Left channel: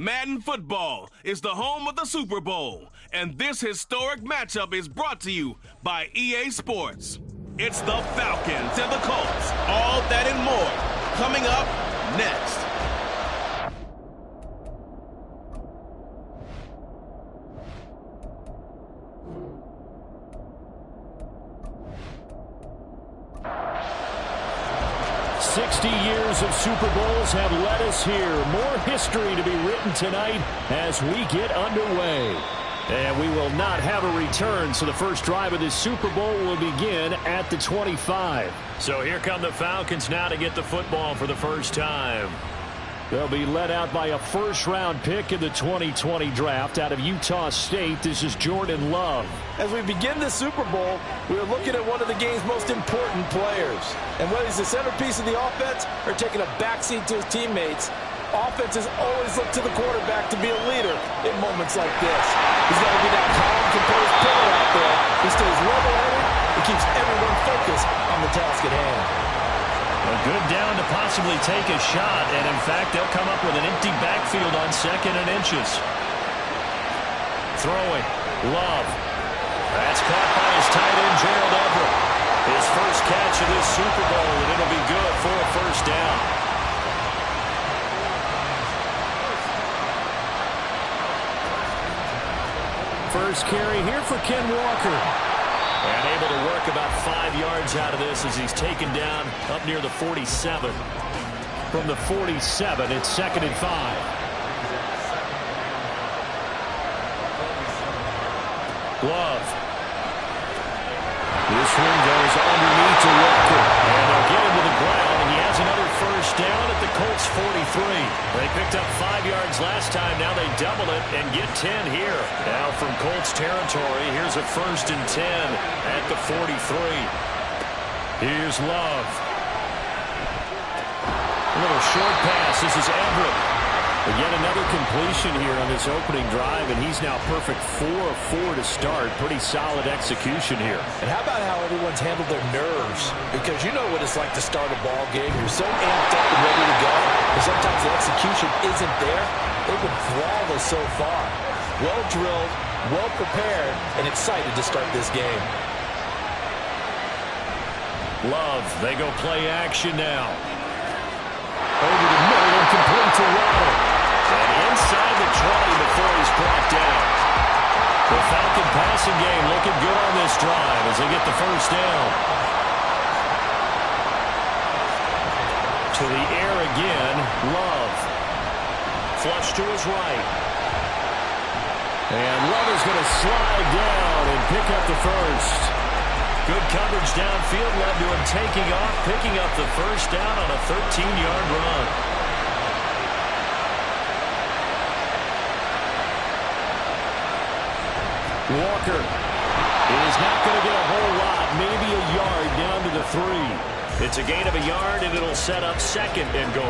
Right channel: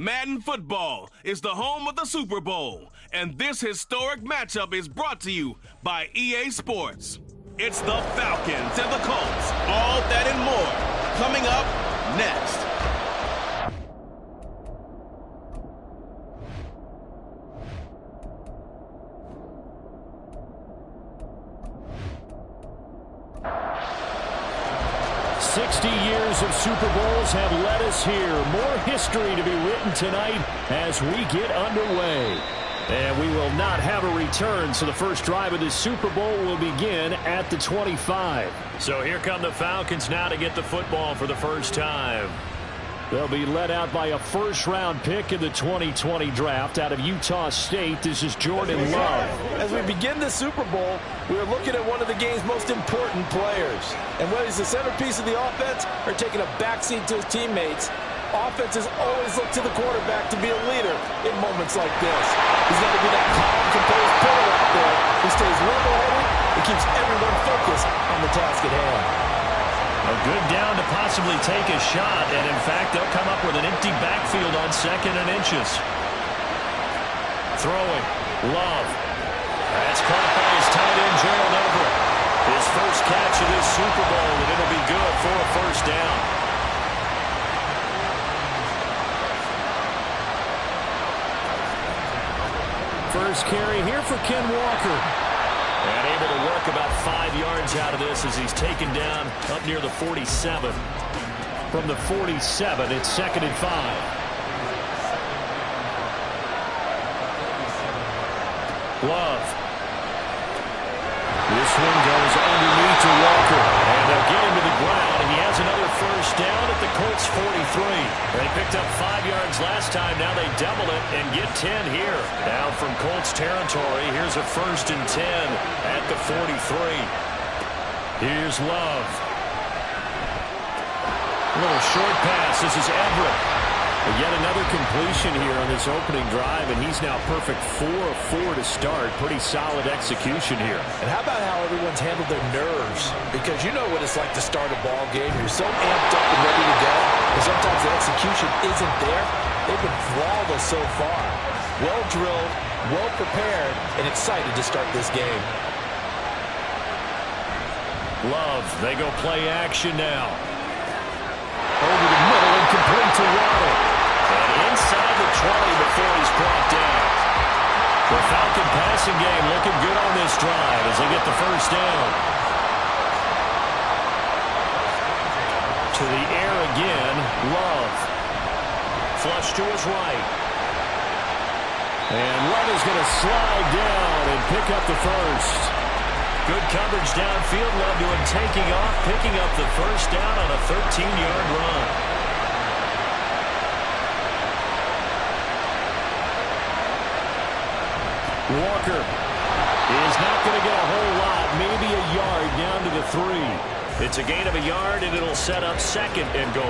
Madden Football is the home of the Super Bowl, and this historic matchup is brought to you by EA Sports. It's the Falcons and the Colts, all that and more, coming up next. Years of Super Bowls have led us here. More history to be written tonight as we get underway. And we will not have a return, so the first drive of this Super Bowl will begin at the 25. So here come the Falcons now to get the football for the first time. They'll be led out by a first-round pick in the 2020 draft out of Utah State. This is Jordan Love. As we begin the Super Bowl, we're looking at one of the game's most important players. And whether he's the centerpiece of the offense or taking a backseat to his teammates, offenses always look to the quarterback to be a leader in moments like this. He's got to be that calm, composed pillar out there who stays level-headed and keeps everyone focused on the task at hand. A good down to possibly take a shot, and in fact, they'll come up with an empty backfield on 2nd and inches. Throwing, Love. That's caught by his tight end, Gerald Everett. His first catch of this Super Bowl, and it'll be good for a first down. First carry here for Ken Walker. And able to work about 5 yards out of this as he's taken down up near the 47. From the 47, it's 2nd and 5. Love. This one goes underneath to Walker. And they'll get him to the ground, and he has another first down at the Colts 43. They picked up 5 yards last time. Now they double it and get 10 here. Now from Colts territory, here's a 1st and 10 at the 43. Here's Love. A little short pass. This is Everett. But yet another completion here on this opening drive, and he's now perfect 4 of 4 to start. Pretty solid execution here. And how about how everyone's handled their nerves? Because you know what it's like to start a ball game. You're so amped up and ready to go, and sometimes the execution isn't there. They've been flawless so far. Well drilled, well prepared, and excited to start this game. Love, they go play action now. Over the middle and complete to Waddle. And inside the 20 before he's brought down. The Falcon passing game looking good on this drive as they get the first down. To the air again, Love. Flush to his right. And Love is going to slide down and pick up the first. Good coverage downfield. Love to him taking off, picking up the first down on a 13-yard run. Walker is not going to get a whole lot, maybe a yard down to the 3. It's a gain of a yard, and it'll set up 2nd and goal.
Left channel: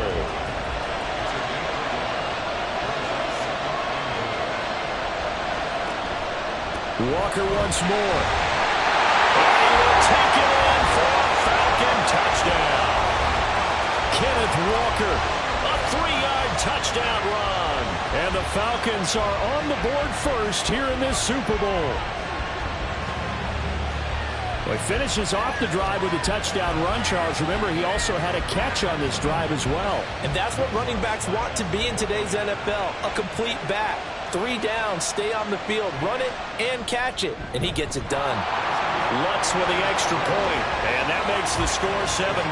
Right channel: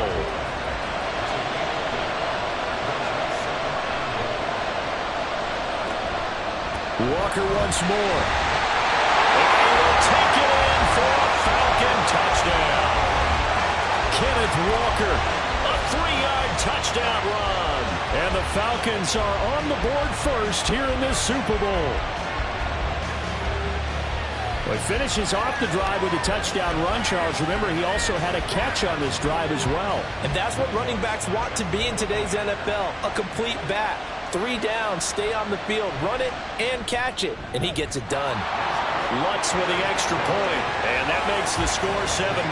Walker once more. And he will take it in for a Falcon touchdown. Kenneth Walker, a 3-yard touchdown run. And the Falcons are on the board first here in this Super Bowl. Well, he finishes off the drive with a touchdown run, Charles. Remember, he also had a catch on this drive as well. And that's what running backs want to be in today's NFL, a complete back. 3 down, stay on the field, run it, and catch it. And he gets it done. Lutz with the extra point, and that makes the score 7-0.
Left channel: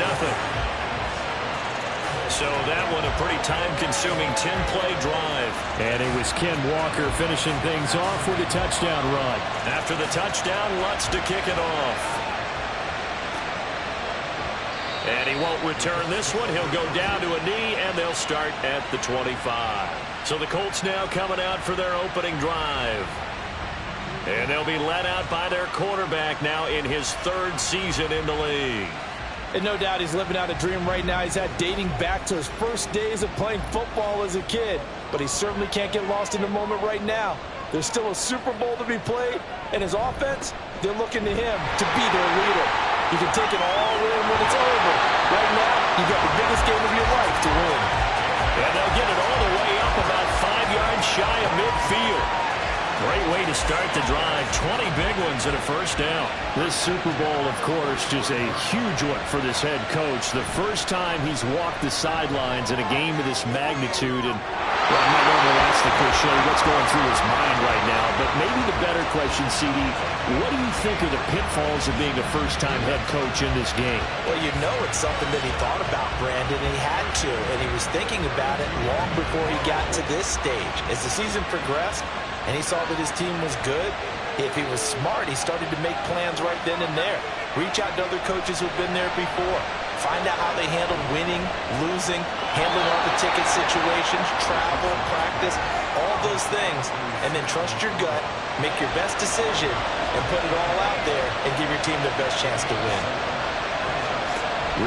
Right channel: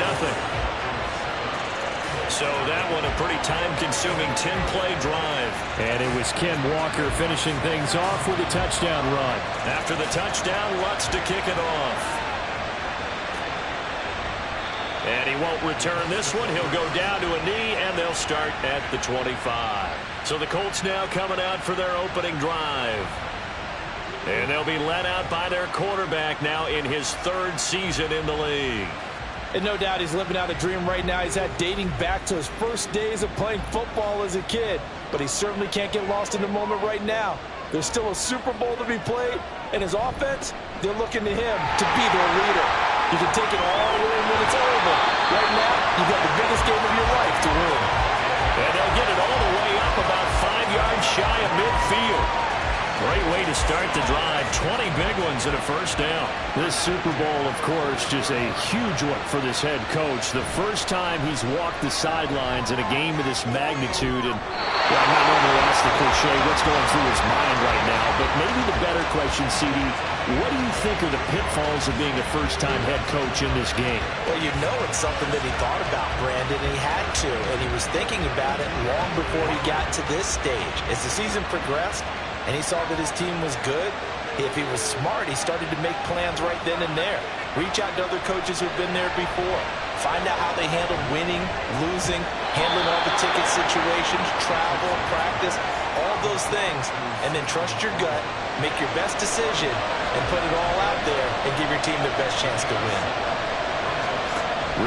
So that one a pretty time-consuming 10-play drive. And it was Ken Walker finishing things off with a touchdown run. After the touchdown, Lutz to kick it off. And he won't return this one. He'll go down to a knee, and they'll start at the 25. So the Colts now coming out for their opening drive. And they'll be led out by their quarterback now in his 3rd season in the league. And no doubt he's living out a dream right now. He's had dating back to his first days of playing football as a kid. But he certainly can't get lost in the moment right now. There's still a Super Bowl to be played. And his offense, they're looking to him to be their leader. You can take it all in when it's over. Right now, you've got the biggest game of your life to win. And they'll get it all the way up about 5 field. Great way to start the drive. 20 big ones and a first down. This Super Bowl, of course, just a huge one for this head coach. The first time he's walked the sidelines in a game of this magnitude. And I might normally ask the cliche, what's going through his mind right now? But maybe the better question, CD, what do you think are the pitfalls of being a first-time head coach in this game? Well, you know it's something that he thought about, Brandon, and he had to. And he was thinking about it long before he got to this stage. As the season progressed, and he saw that his team was good, if he was smart, he started to make plans right then and there. Reach out to other coaches who've been there before. Find out how they handled winning, losing, handling all the ticket situations, travel, practice, all those things. And then trust your gut, make your best decision, and put it all out there and give your team the best chance to win.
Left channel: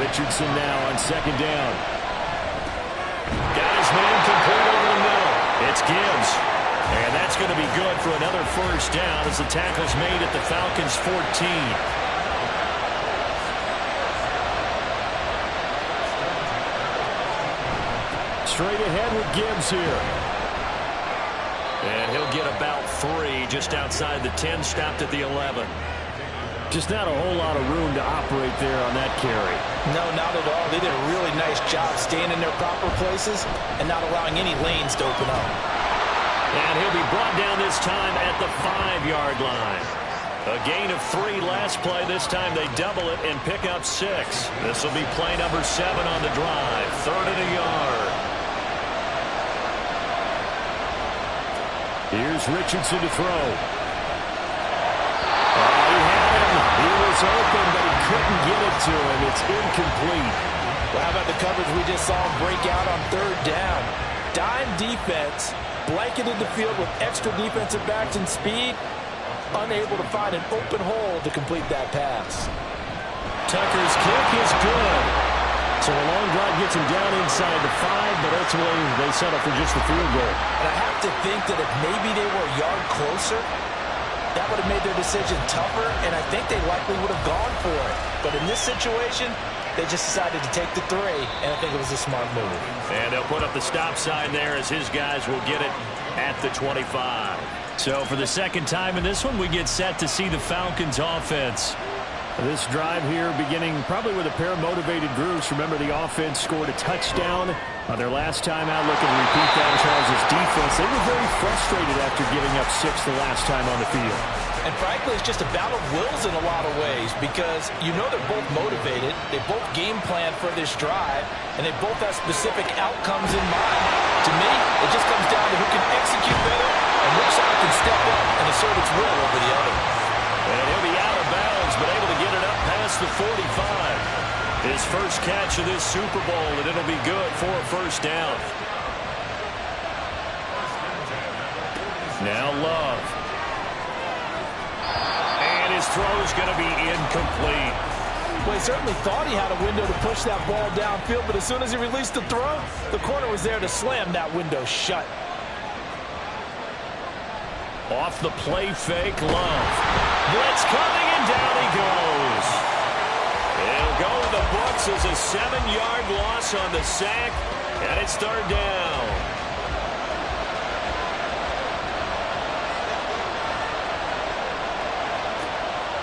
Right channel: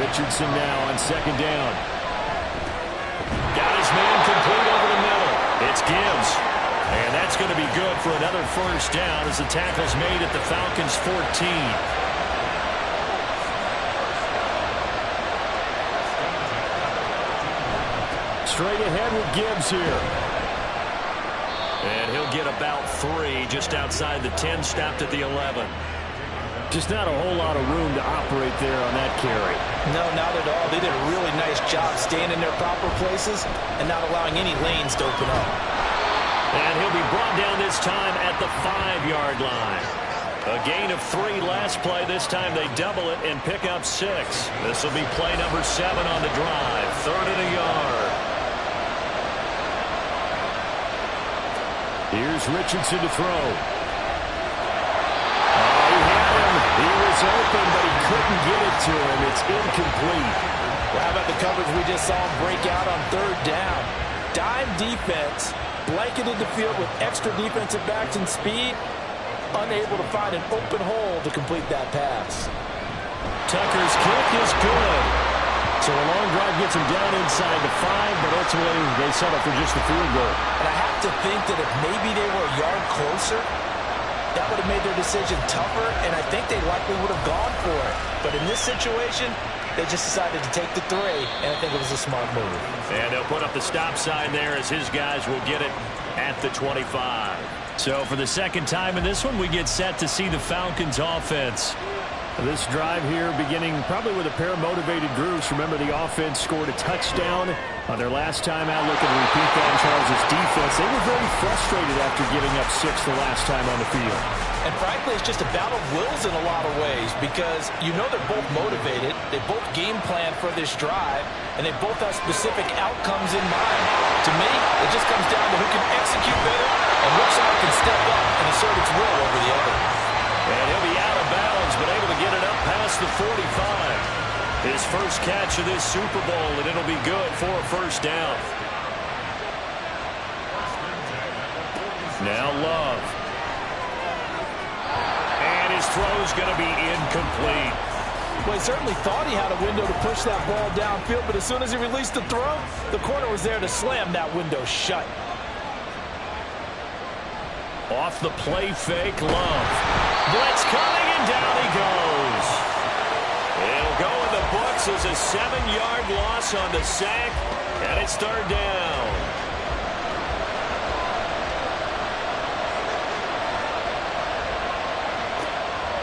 Richardson now on second down. Got his man complete over the middle. It's Gibbs. And that's going to be good for another first down as the tackle's made at the Falcons' 14. Straight ahead with Gibbs here. And he'll get about 3 just outside the 10, stopped at the 11. Just not a whole lot of room to operate there on that carry. No, not at all. They did a really nice job staying in their proper places and not allowing any lanes to open up. And he'll be brought down this time at the 5-yard line. A gain of 3 last play. This time they double it and pick up 6. This will be play number 7 on the drive. 3rd and a yard. Here's Richardson to throw. Oh, he had him. He was open, but he couldn't get it to him. It's incomplete. Well, how about the coverage we just saw him break out on 3rd down? Dime defense. Blanketed the field with extra defensive backs and speed, unable to find an open hole to complete that pass. Tucker's kick is good. So a long drive gets him down inside the 5, but ultimately they settle for just the field goal. And I have to think that if maybe they were a yard closer, that would have made their decision tougher, and I think they likely would have gone for it. But in this situation, they just decided to take the 3, and I think it was a smart move. And they'll put up the stop sign there as his guys will get it at the 25. So for the second time in this one, we get set to see the Falcons offense. This drive here beginning probably with a pair of motivated groups. Remember, the offense scored a touchdown on their last time out. Looking to repeat that in Charles' defense. They were very frustrated after giving up 6 the last time on the field. And frankly, it's just a battle of wills in a lot of ways because you know they're both motivated. They both game plan for this drive, and they both have specific outcomes in mind. To me, it just comes down to who can execute better and which side can step up and assert its will over the other. And he'll be out of bounds, but able to get it up past the 45. His first catch of this Super Bowl, and it'll be good for a first down. Now Love. And his throw's going to be incomplete. Well, he certainly thought he had a window to push that ball downfield, but as soon as he released the throw, the corner was there to slam that window shut. Off the play fake, Love. Blitz coming, and down he goes. It'll go in the books as a 7-yard loss on the sack, and it's 3rd down.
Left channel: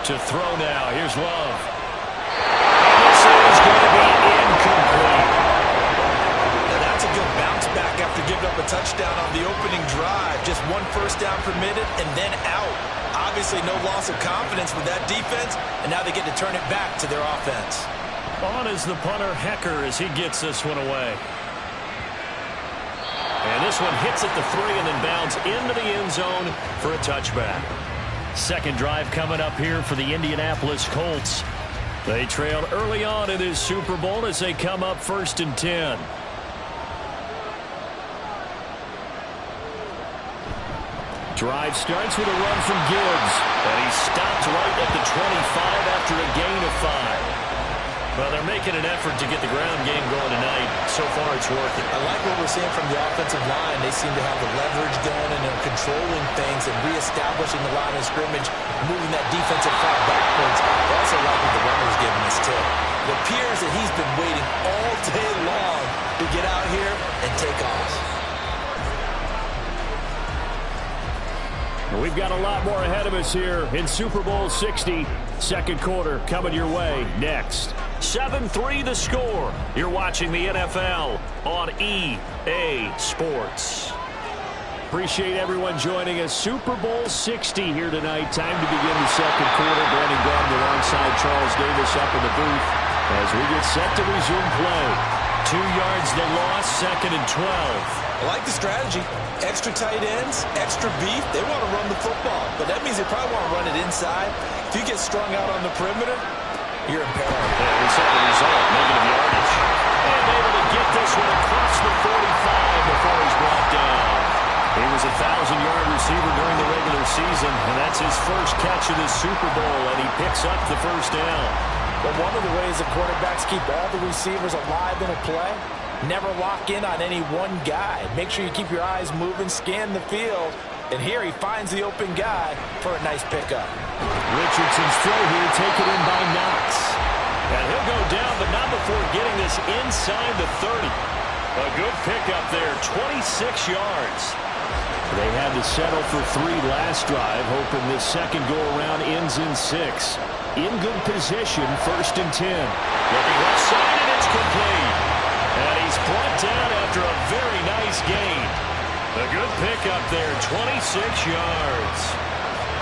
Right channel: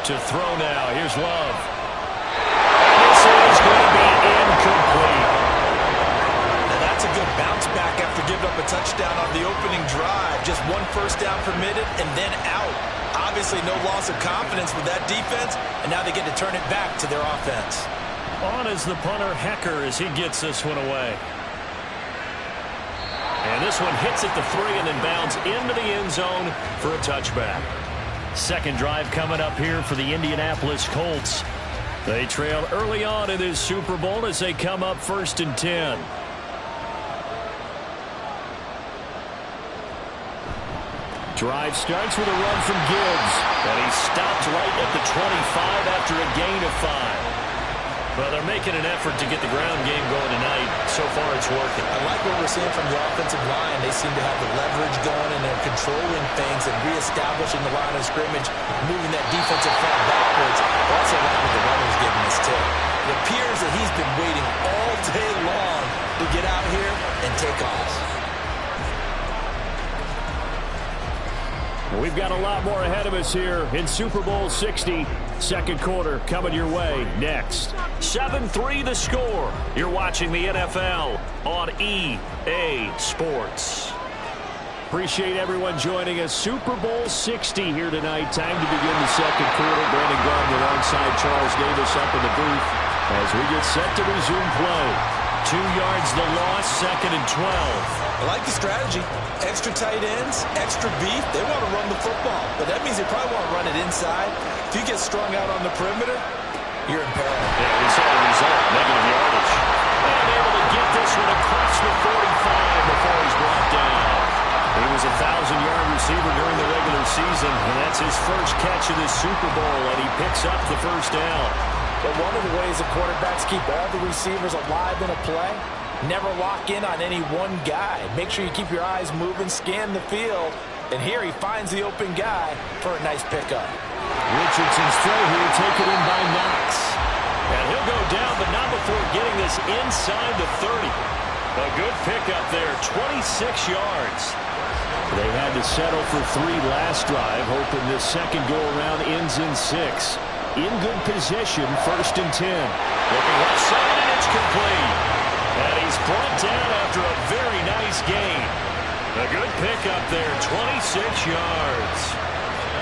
To throw now, here's Love. And this is going to be incomplete. Now that's a good bounce back after giving up a touchdown on the opening drive. Just 1 first down permitted and then out. Obviously no loss of confidence with that defense, and now they get to turn it back to their offense. On is the punter, Hecker, as he gets this one away. And this one hits at the 3 and then bounds into the end zone for a touchback. Second drive coming up here for the Indianapolis Colts. They trailed early on in this Super Bowl as they come up 1st and 10. Drive starts with a run from Gibbs. And he stopped right at the 25 after a gain of 5. Well, they're making an effort to get the ground game going tonight. So far, it's working. I like what we're seeing from the offensive line. They seem to have the leverage going, and they're controlling things and reestablishing the line of scrimmage, moving that defensive front backwards. I also like what the runner's giving us, too. It appears that he's been waiting all day long to get out here and take off. We've got a lot more ahead of us here in Super Bowl 60. Second quarter coming your way next. 7-3 the score. You're watching the NFL on EA Sports. Appreciate everyone joining us. Super Bowl 60 here tonight. Time to begin the second quarter. Brandon Gaudin alongside Charles Davis up in the booth as we get set to resume play. 2 yards the loss, 2nd and 12. I like the strategy. Extra tight ends, extra beef. They want to run the football, but that means they probably want to run it inside. If you get strung out on the perimeter, you're in peril. Yeah, we saw the result, negative yardage. And able to get this one across the 45 before he's brought down. He was a 1,000-yard receiver during the regular season, and that's his first catch of this Super Bowl, and he picks up the first down. But one of the ways that quarterbacks keep all the receivers alive in a play, never lock in on any one guy. Make sure you keep your eyes moving, scan the field, and here he finds the open guy for a nice pickup. Richardson's throw here taken in by Knox. And he'll go down, but not before getting this inside the 30. A good pickup there, 26 yards. They had to settle for 3 last drive, hoping this second go-around ends in 6. In good position, 1st and 10. Looking left side, and it's complete. And he's brought down after a very nice gain. A good pickup there, 26 yards.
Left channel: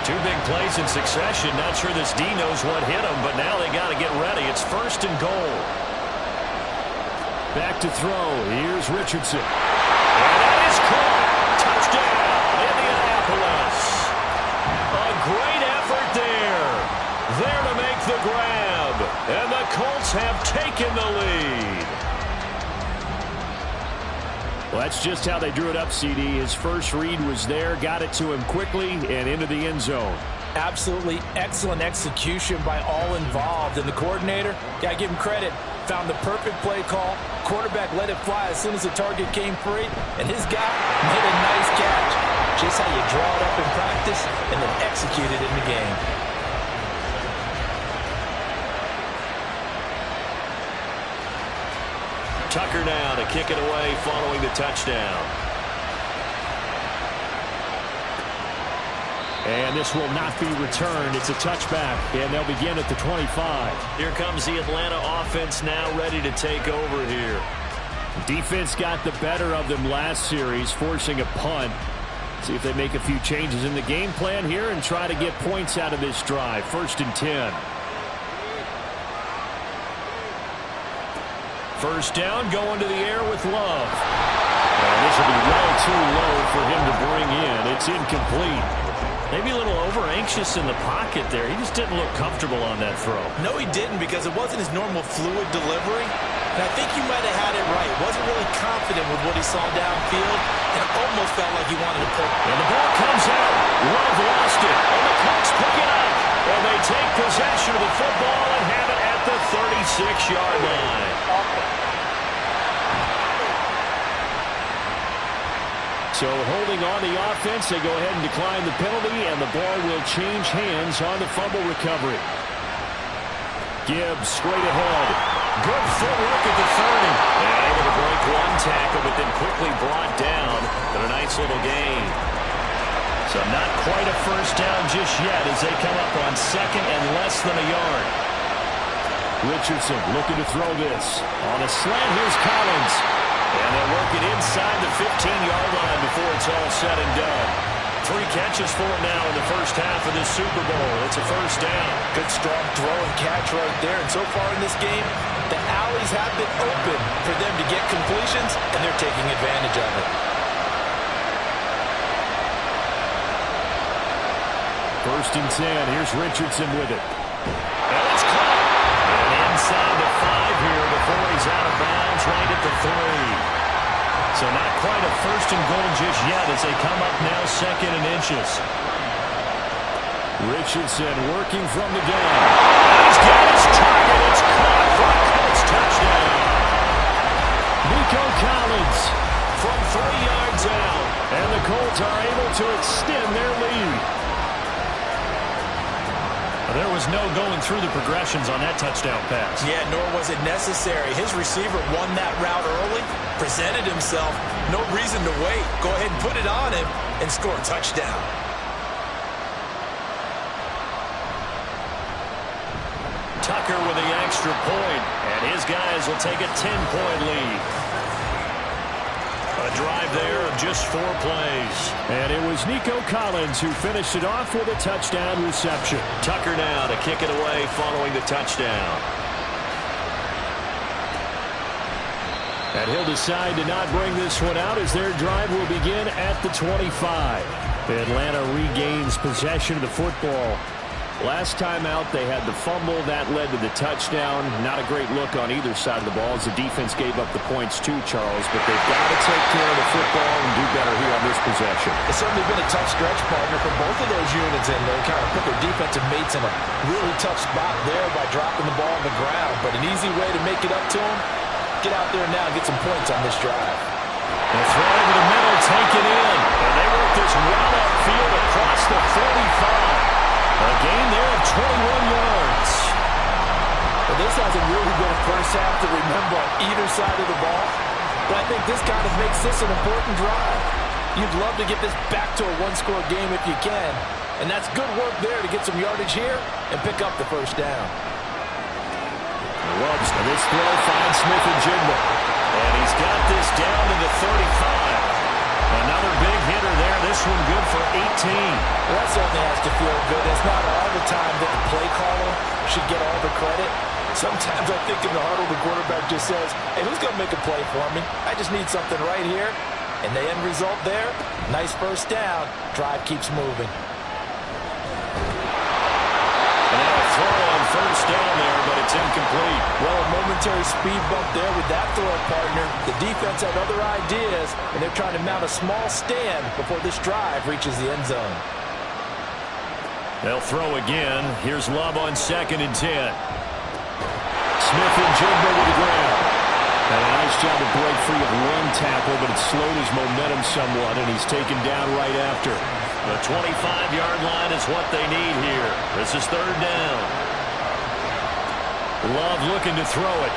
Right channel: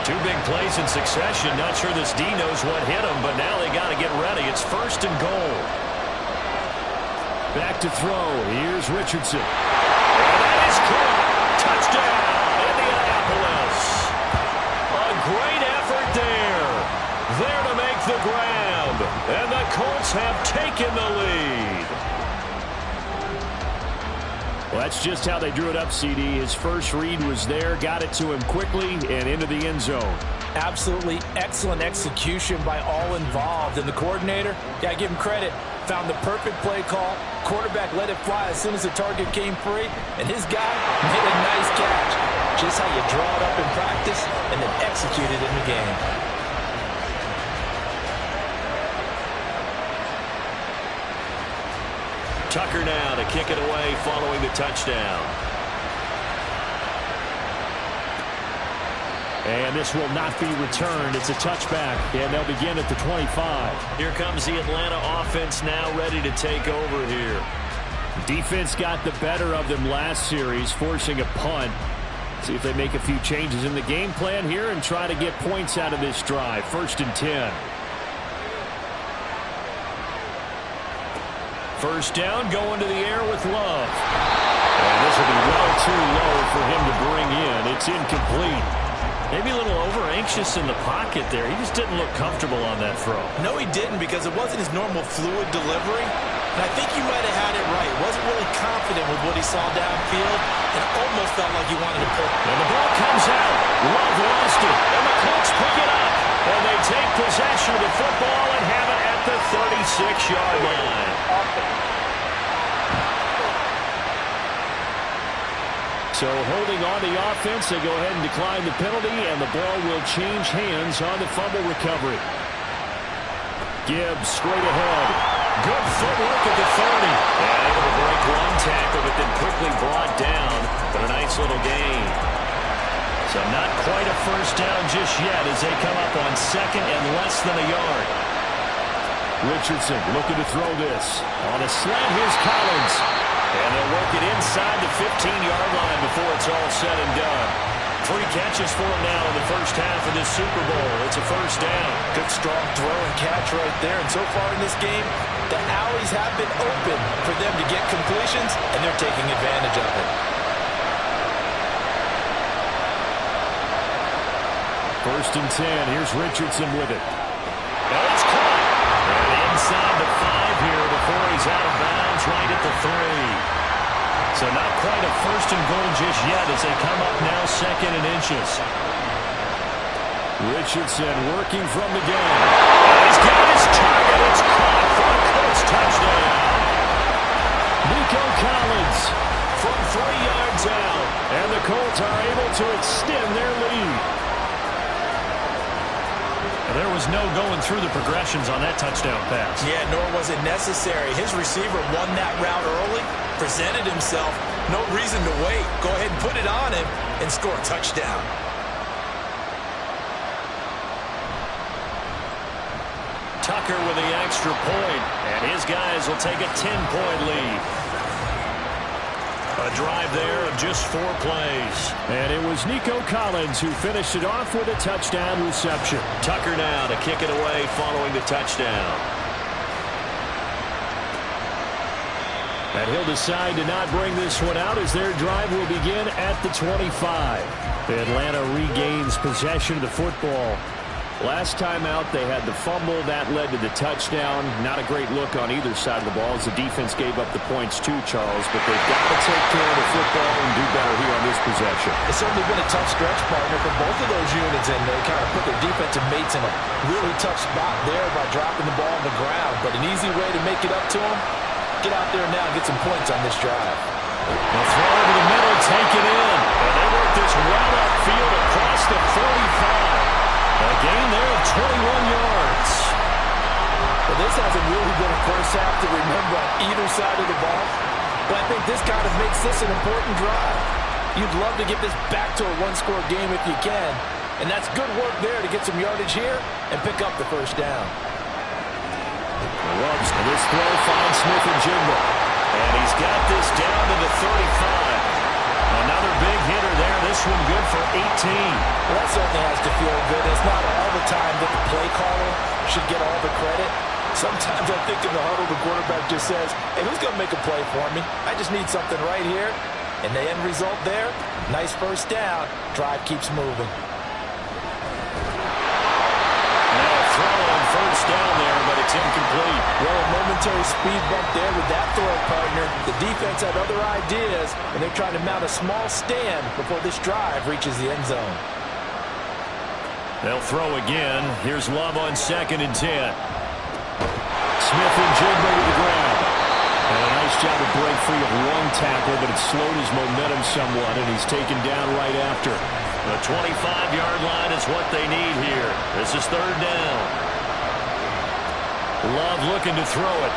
2 big plays in succession. Not sure this D knows what hit him, but now they got to get ready. It's 1st and goal. Back to throw. Here's Richardson. And that is caught. Touchdown, Indianapolis. A great effort there. There to make the grab. And the Colts have taken the lead. Well, that's just how they drew it up, CD. His first read was there, got it to him quickly, and into the end zone. Absolutely excellent execution by all involved. And the coordinator, got to give him credit, found the perfect play call. Quarterback let it fly as soon as the target came free, and his guy made a nice catch. Just how you draw it up in practice and then execute it in the game. Tucker now to kick it away following the touchdown. And this will not be returned. It's a touchback, and they'll begin at the 25. Here comes the Atlanta offense now ready to take over here. Defense got the better of them last series, forcing a punt. See if they make a few changes in the game plan here and try to get points out of this drive. 1st and 10. First down, going to the air with Love. And this will be well too low for him to bring in. It's incomplete. Maybe a little over-anxious in the pocket there. He just didn't look comfortable on that throw. No, he didn't, because it wasn't his normal fluid delivery. And I think you might have had it right. Wasn't really confident with what he saw downfield and almost felt like he wanted to pull. And the ball comes out. Love lost it. And the Colts pick it up. And they take possession of the football and have it at the 36-yard line. So holding on the offense, they go ahead and decline the penalty, and the ball will change hands on the fumble recovery. Gibbs straight ahead. Good footwork at the 30. And able to break one tackle, but then quickly brought down. But a nice little gain. So not quite a first down just yet as they come up on 2nd and less than a yard. Richardson looking to throw this. On a slant, here's Collins. And they'll work it inside the 15-yard line before it's all said and done. 3 catches for him now in the first half of this Super Bowl. It's a first down. Good strong throw and catch right there. And so far in this game, the alleys have been open for them to get completions, and they're taking advantage of it. 1st and 10. Here's Richardson with it. And it's caught. And inside the 5 here before he's out of bounds right at the 3. So not quite a 1st and goal just yet as they come up now 2nd and inches. Richardson working from the gun. And he's got his target. It's caught for a Colts touchdown. Nico Collins from 3 yards out. And the Colts are able to extend their lead. There was no going through the progressions on that touchdown pass. Yeah, nor was it necessary. His receiver won that route early, presented himself, no reason to wait. Go ahead and put it on him and score a touchdown. Tucker with the extra point, and his guys will take a 10-point lead. A drive there of just 4 plays. And it was Nico Collins who finished it off with a touchdown reception. Tucker now to kick it away following the touchdown. And he'll decide to not bring this one out as their drive will begin at the 25. Atlanta regains possession of the football. Last time out, they had the fumble. That led to the touchdown. Not a great look on either side of the ball as the defense gave up the points too, Charles. But they've got to take care of the football and do better here on this possession. It's certainly been a tough stretch, partner, for both of those units, and they kind of put their defensive mates in a really tough spot there by dropping the ball on the ground. But an easy way to make it up to them, get out there now and get some points on this drive. The throw over the middle, taken in. And they work this well upfield across the 45. A gain there of 21 yards. Well, this hasn't really been a first half to remember on either side of the ball. But I think this kind of makes this an important drive. You'd love to get this back to a one-score game if you can. And that's good work there to get some yardage here and pick up the first down. Loves, and this throw finds Smith-Njigba. And he's got this down to the 35. Another big hitter there. This one good for 18. Well, that certainly has to feel good. It's not all the time that the play caller should get all the credit. Sometimes I think in the huddle, the quarterback just says, hey, who's going to make a play for me? I just need something right here. And the end result there, nice first down. Drive keeps moving. And now a throw on first down there, but it's incomplete. Well, a momentary speed bump there with that throw, partner. The defense had other ideas, and they're trying to mount a small stand before this drive reaches the end zone. They'll throw again. Here's Love on 2nd and 10. Smith-Njigba with the grab. And a nice job to break free of one tackle, but it slowed his momentum somewhat, and he's taken down right after. The 25-yard line is what they need here. This is 3rd down. Love looking to throw it.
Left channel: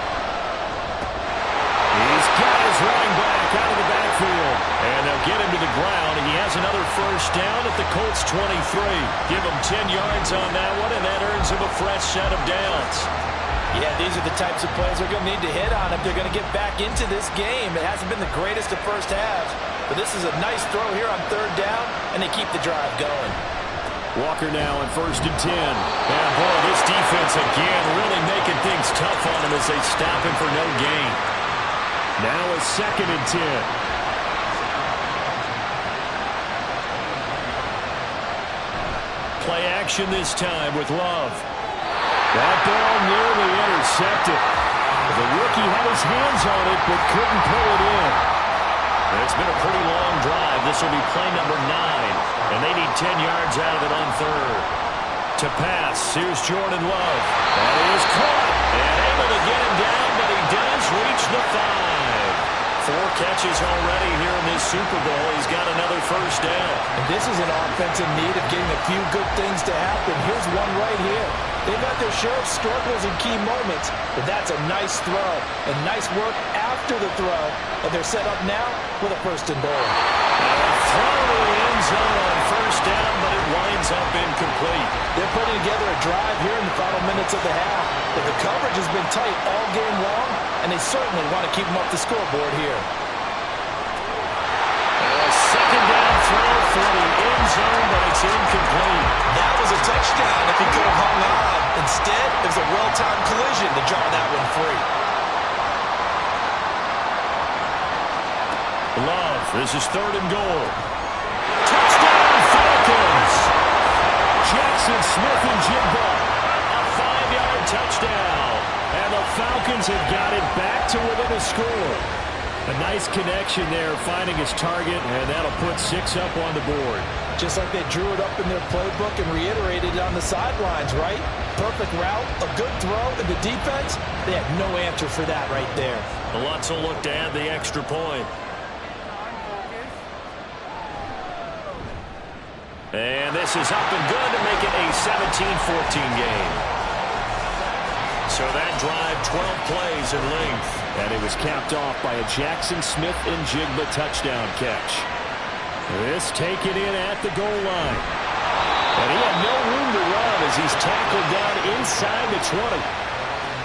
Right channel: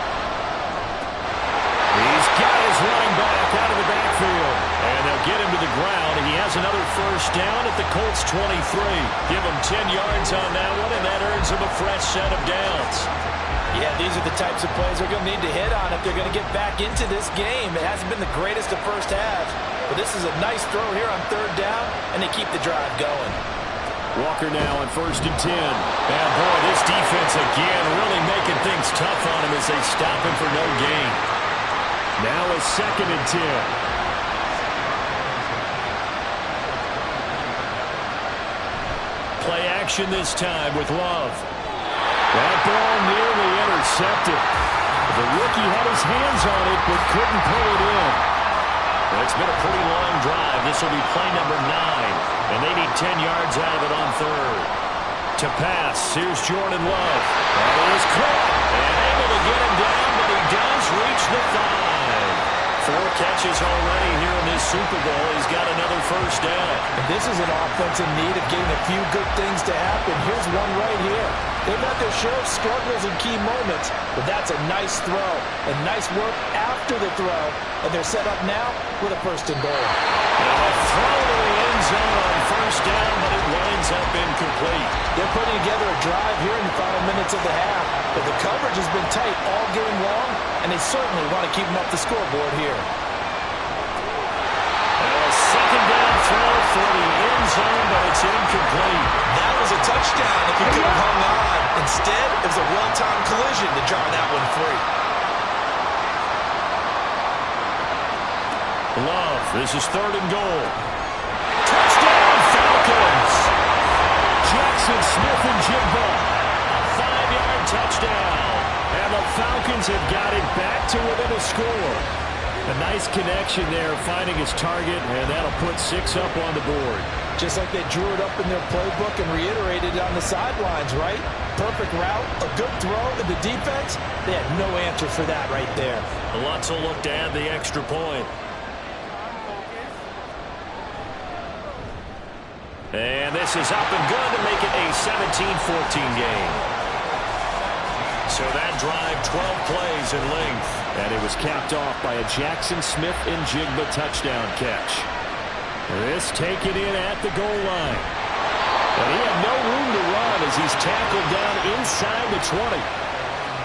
He's got his running back out of the backfield. And they'll get him to the ground. He has another first down at the Colts 23. Give him 10 yards on that one, and that earns him a fresh set of downs. Yeah, these are the types of plays they're going to need to hit on if they're going to get back into this game. It hasn't been the greatest of first halves, but this is a nice throw here on 3rd down, and they keep the drive going. Walker now on 1st and 10. And boy, this defense again really making things tough on him as they stop him for no gain. Now a 2nd and 10. Play action this time with Love. That ball nearly intercepted. The rookie had his hands on it but couldn't pull it in. It's been a pretty long drive. This will be play number 9. And they need 10 yards out of it on 3rd. To pass, here's Jordan Love. That is caught. And able to get him down, but he does reach the 5. 4 catches already here in this Super Bowl. He's got another first down. And this is an offense in need of getting a few good things to happen. Here's one right here. They've had their share of struggles in key moments, but that's a nice throw and nice work after the throw. And they're set up now with a 1st and goal. Now a throw to the end zone on first down, but it winds up incomplete. They're putting together a drive here in the final minutes of the half, but the coverage has been tight all game long, and they certainly want to keep them off the scoreboard here. Now a 2nd down throw for the end zone, but it's incomplete. That was a touchdown if he could have hung on. Instead, it was a well-timed collision to jar that one free. Love, this is 3rd and goal. Touchdown, Falcons! Jackson Smith-Njigba. A 5-yard touchdown. And the Falcons have got it back to within a score. A nice connection there, finding his target, and that'll put 6 up on the board. Just like they drew it up in their playbook and reiterated it on the sidelines, right? Perfect route, a good throw, and the defense, they had no answer for that right there. Lutz will look to add the extra point. And this is up and good to make it a 17-14 game. So that drive, 12 plays in length. And it was capped off by a Jackson Smith-Njigba touchdown catch. This taken in at the goal line. And he had no room to run as he's tackled down inside the 20.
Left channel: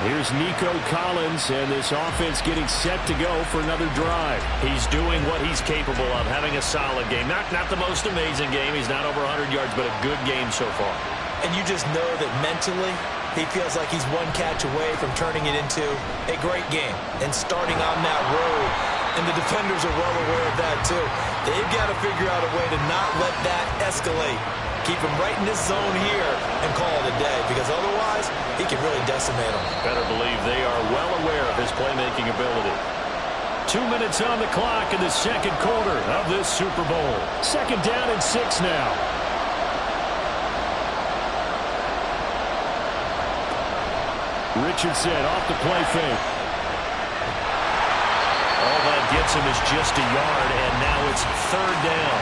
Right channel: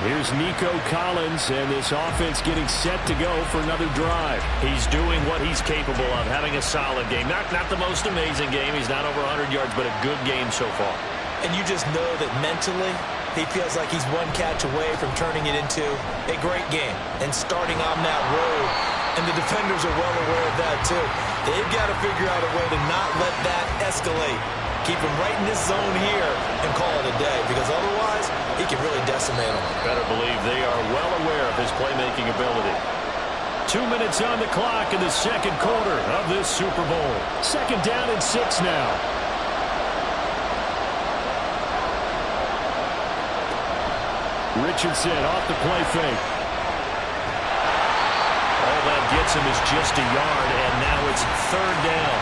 Here's Nico Collins, and this offense getting set to go for another drive. He's doing what he's capable of, having a solid game. Not the most amazing game. He's not over 100 yards, but a good game so far. And you just know that mentally he feels like he's one catch away from turning it into a great game and starting on that road. And the defenders are well aware of that, too. They've got to figure out a way to not let that escalate. Keep him right in this zone here and call it a day, because otherwise he can really decimate them. Better believe they are well aware of his playmaking ability. 2 minutes on the clock in the second quarter of this Super Bowl. 2nd down and 6 now. Richardson off the play fake. All that gets him is just a yard, and now it's 3rd down.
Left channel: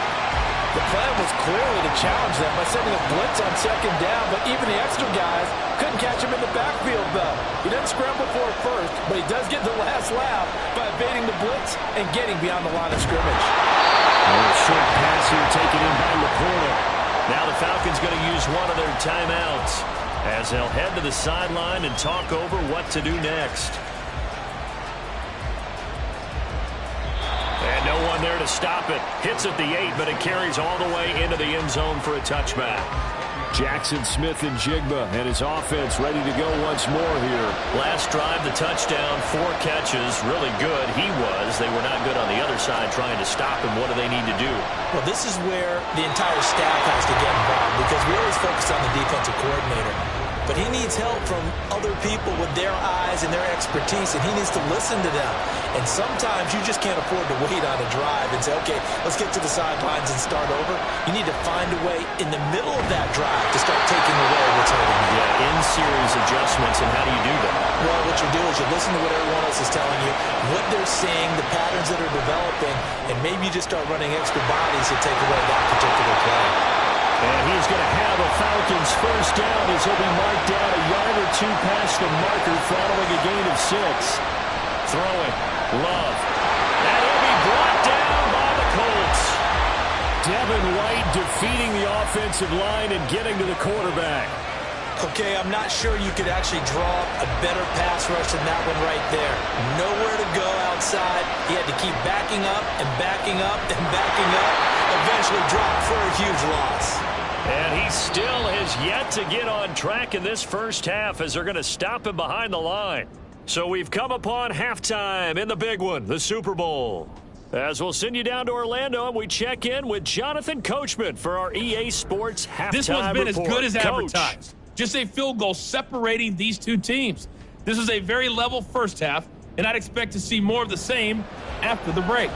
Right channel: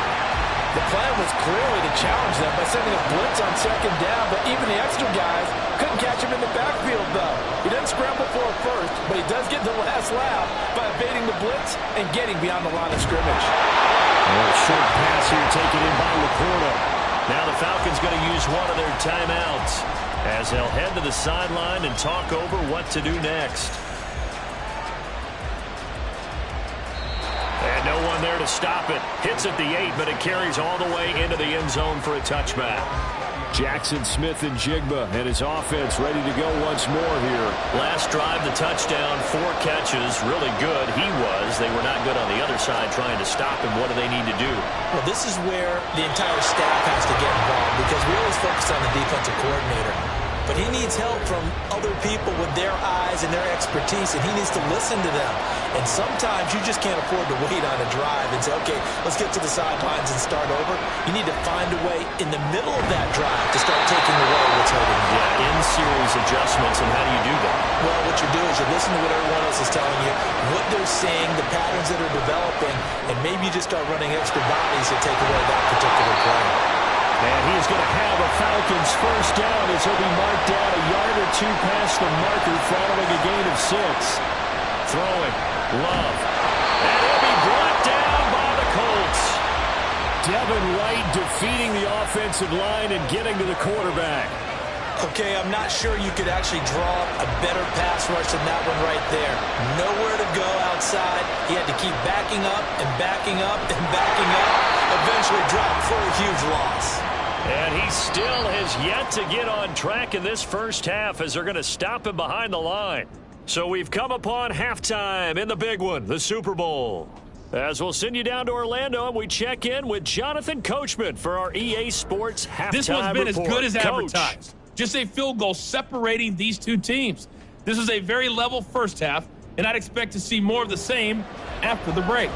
The plan was clearly to challenge them by sending a blitz on 2nd down, but even the extra guys couldn't catch him in the backfield, though. He doesn't scramble for it first, but he does get the last laugh by evading the blitz and getting beyond the line of scrimmage. A short pass here taken in by Laporta. Now the Falcons going to use one of their timeouts as they'll head to the sideline and talk over what to do next. And no one there to stop it. Hits at the 8, but it carries all the way into the end zone for a touchback. Jackson Smith and Jigba and his offense ready to go once more here. Last drive, the touchdown, 4 catches. Really good. He was. They were not good on the other side trying to stop him. What do they need to do? Well, this is where the entire staff has to get involved, because we always focus on the defensive coordinator. But he needs help from other people with their eyes and their expertise, and he needs to listen to them. And sometimes you just can't afford to wait on a drive and say, okay, let's get to the sidelines and start over. You need to find a way in the middle of that drive to start taking away what's hurting you. Yeah, in-series adjustments, and how do you do that? Well, what you do is you listen to what everyone else is telling you, what they're seeing, the patterns that are developing, and maybe you just start running extra bodies to take away that particular play. And he's going to have a Falcons first down as he'll be marked down a yard or 2 past the marker following a gain of 6. Throwing. Love. And he'll be brought down by the Colts. Devin White defeating the offensive line and getting to the quarterback. Okay, I'm not sure you could actually draw a better pass rush than that one right there. Nowhere to go outside. He had to keep backing up and backing up and backing up. Eventually dropped for a huge loss. And he still has yet to get on track in this first half as they're going to stop him behind the line. So we've come upon halftime in the big one, the Super Bowl. As we'll send you down to Orlando, and we check in with Jonathan Coachman for our EA Sports halftime report. This one's been report. as good as Coach. advertised. Just a field goal separating these two teams. This is a very level first half, and I'd expect to see more of the same after the break.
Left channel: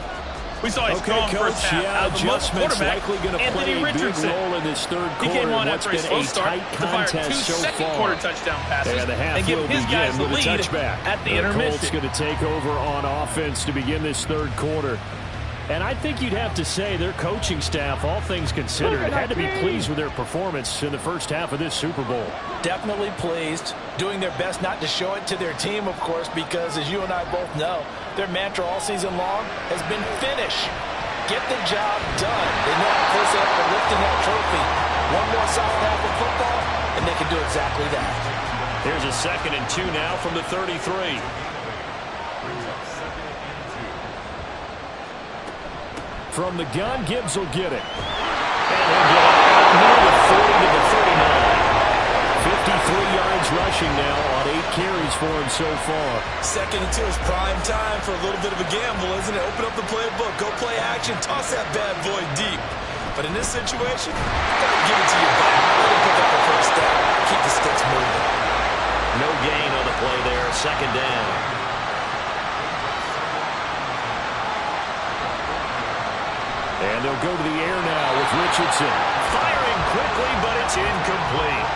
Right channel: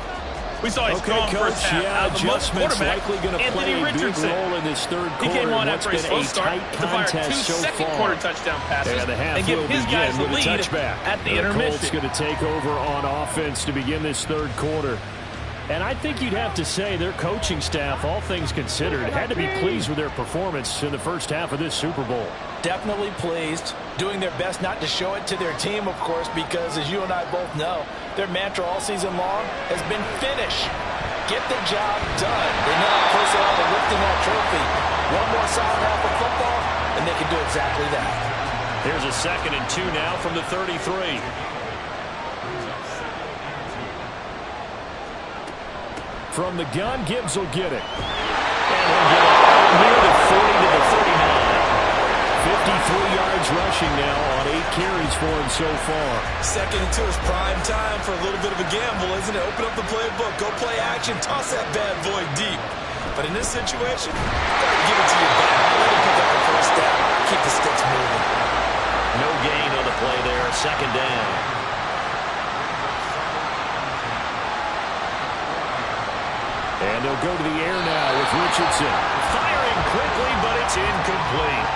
We saw a strong Coach, first half out of the adjustments quarterback, likely going to play Anthony a Richardson. big role in this third quarter. He came on What's after a been slow a start tight to fire contest 2 so second-quarter far. touchdown passes Yeah, the half and give will his begin guys the with a lead touchback. at the Colts intermission. going to take over on offense to begin this third quarter. And I think you'd have to say their coaching staff, all things considered, had to be pleased with their performance in the first half of this Super Bowl. Definitely pleased, doing their best not to show it to their team, of course, because as you and I both know, their mantra all season long has been finish. Get the job done. They know how close they are to lifting that trophy. One more solid half of football, and they can do exactly that. Here's a 2nd and 2 now from the 33. From the gun, Gibbs will get it. And he'll get it out near the 40 to the 39. 53 yards rushing now on 8 carries for him so far. 2nd and 2 is prime time for a little bit of a gamble, isn't it? Open up the playbook, go play action, toss that bad boy deep. But in this situation, you gotta give it to your back. Let him pick up the first down. Keep the sticks moving. No gain on the play there. 2nd down. And they'll go to the air now with Richardson. Firing quickly, but it's incomplete.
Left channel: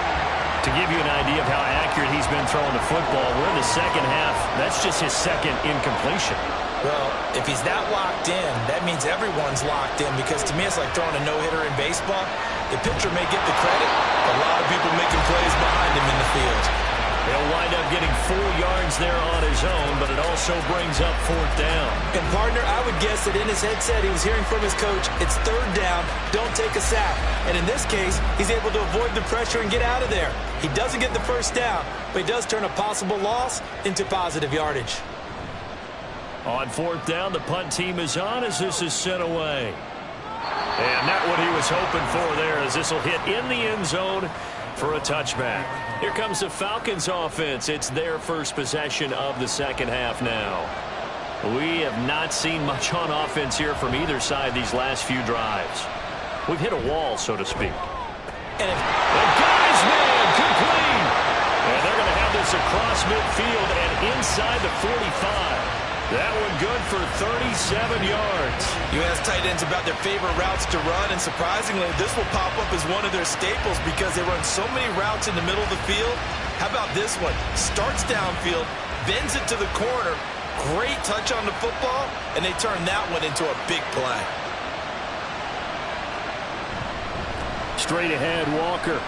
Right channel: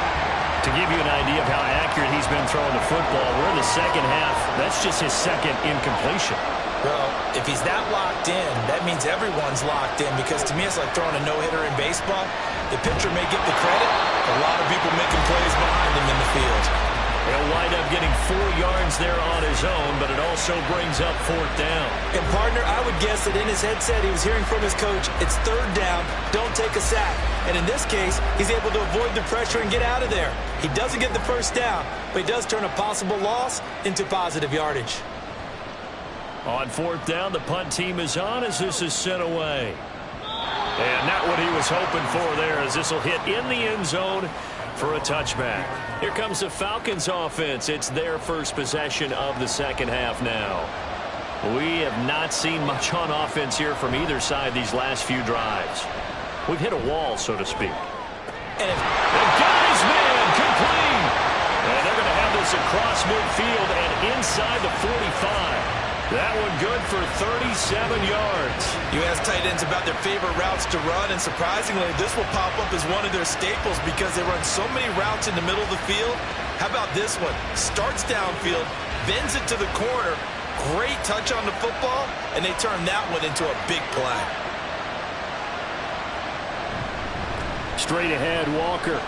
To give you an idea of how accurate he's been throwing the football, we're in the second half. That's just his 2nd incompletion. Well, if he's that locked in, that means everyone's locked in, because to me it's like throwing a no-hitter in baseball. The pitcher may get the credit, but a lot of people making plays behind him in the field. He'll wind up getting 4 yards there on his own, but it also brings up 4th down. And, partner, I would guess that in his headset he was hearing from his coach, it's 3rd down, don't take a sack. And in this case, he's able to avoid the pressure and get out of there. He doesn't get the 1st down, but he does turn a possible loss into positive yardage. On 4th down, the punt team is on as this is sent away. And not what he was hoping for there, as this will hit in the end zone for a touchback. Here comes the Falcons offense. It's their first possession of the second half now. We have not seen much on offense here from either side these last few drives. We've hit a wall, so to speak. And got his man complete. And they're going to have this across midfield and inside the 45. That one good for 37 yards. You ask tight ends about their favorite routes to run, and surprisingly, this will pop up as one of their staples because they run so many routes in the middle of the field. How about this one? Starts downfield, bends it to the corner, great touch on the football, and they turn that one into a big play. Straight ahead, Walker.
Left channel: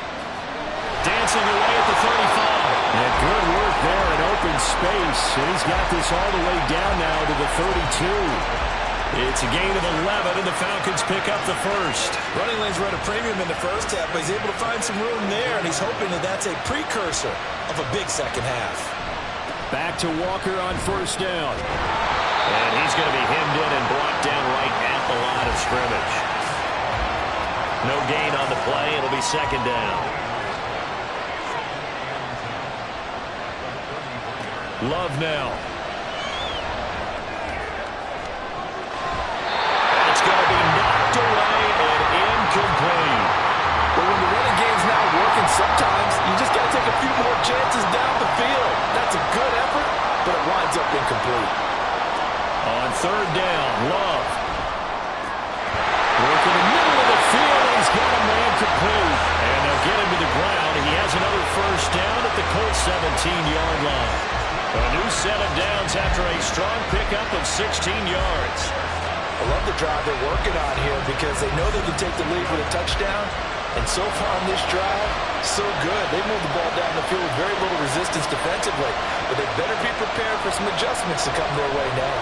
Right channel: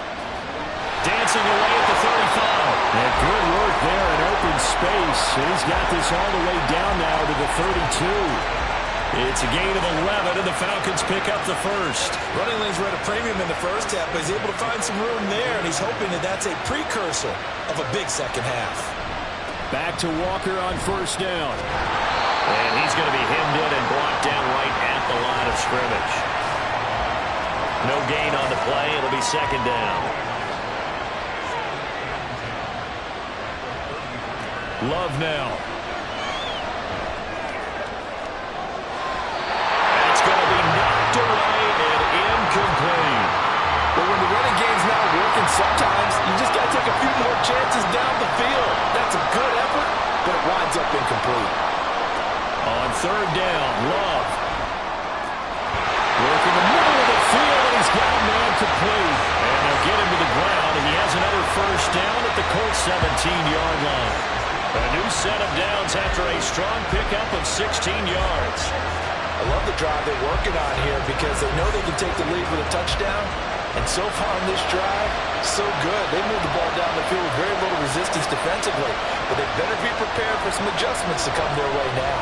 Dancing away at the 35. And good work there in open space. And he's got this all the way down now to the 32. It's a gain of 11, and the Falcons pick up the first. Running lanes were at a premium in the first half, but he's able to find some room there, and he's hoping that that's a precursor of a big second half. Back to Walker on 1st down. And he's going to be hemmed in and brought down right at the line of scrimmage. No gain on the play. It'll be 2nd down. Love now. It's going to be knocked away and incomplete. But when the running game's not working, sometimes you just got to take a few more chances down the field. That's a good effort, but it winds up incomplete. On 3rd down, Love. Work in the middle of the field, and he's got a man complete. And they'll get him to the ground. He has another 1st down at the Colts 17-yard line. A new set of downs after a strong pickup of 16 yards. I love the drive they're working on here because they know they can take the lead with a touchdown. And so far on this drive, so good. They moved the ball down the field with very little resistance defensively. But they better be prepared for some adjustments to come their way now.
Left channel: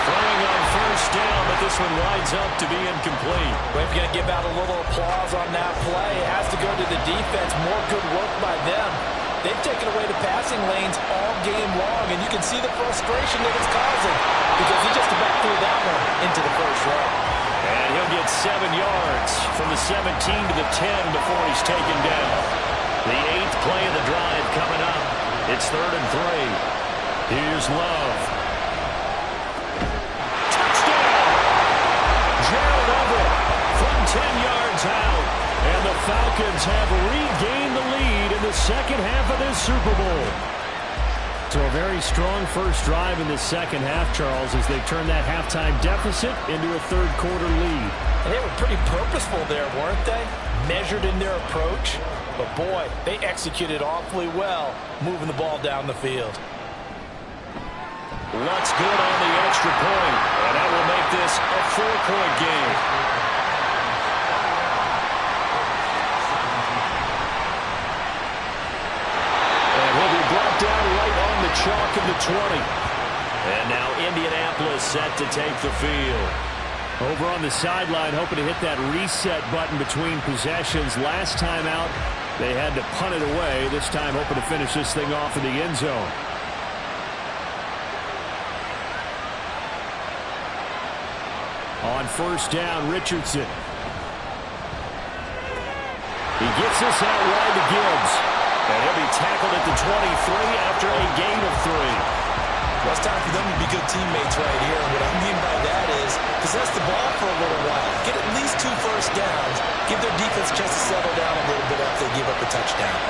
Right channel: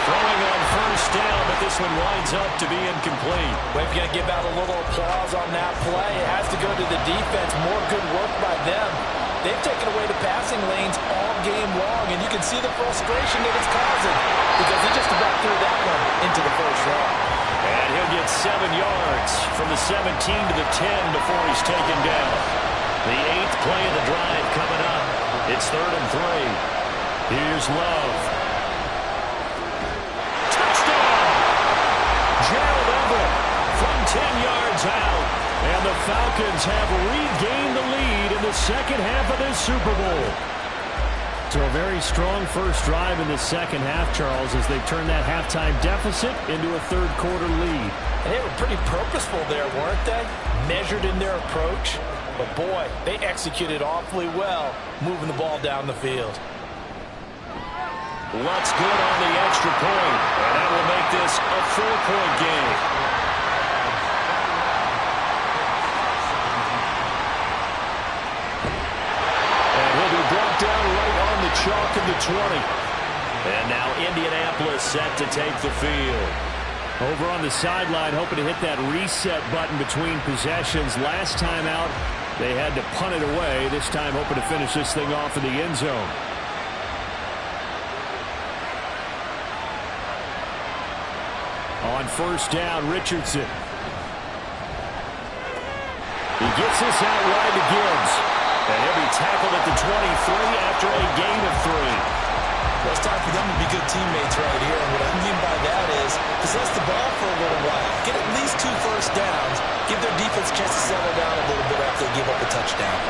Throwing on 1st down, but this one winds up to be incomplete. We're going to give out a little applause on that play. It has to go to the defense. More good work by them. They've taken away the passing lanes all game long, and you can see the frustration that it's causing because he just about threw that one into the 1st row. And he'll get 7 yards from the 17 to the 10 before he's taken down. The 8th play of the drive coming up. It's 3rd and 3. Here's Love. Gerald Everett from 10 yards out. And the Falcons have regained the lead in the second half of this Super Bowl. So a very strong first drive in the second half, Charles, as they've turned that halftime deficit into a 3rd quarter lead. And they were pretty purposeful there, weren't they? Measured in their approach. But boy, they executed awfully well, moving the ball down the field. Lutz good on the extra point, and that will make this a 4-point game. And he'll be brought down right on the chalk of the 20. And now Indianapolis set to take the field. Over on the sideline, hoping to hit that reset button between possessions. Last time out, they had to punt it away. This time hoping to finish this thing off in the end zone. On 1st down, Richardson. He gets this out wide to Gibbs. And he'll be tackled at the 23 after a gain of 3. Well, it's time for them to be good teammates right here. And what I mean by that is possess the ball for a little while. Get at least 2 1st downs. Give their defense a chance to settle down a little bit after they give up a touchdown.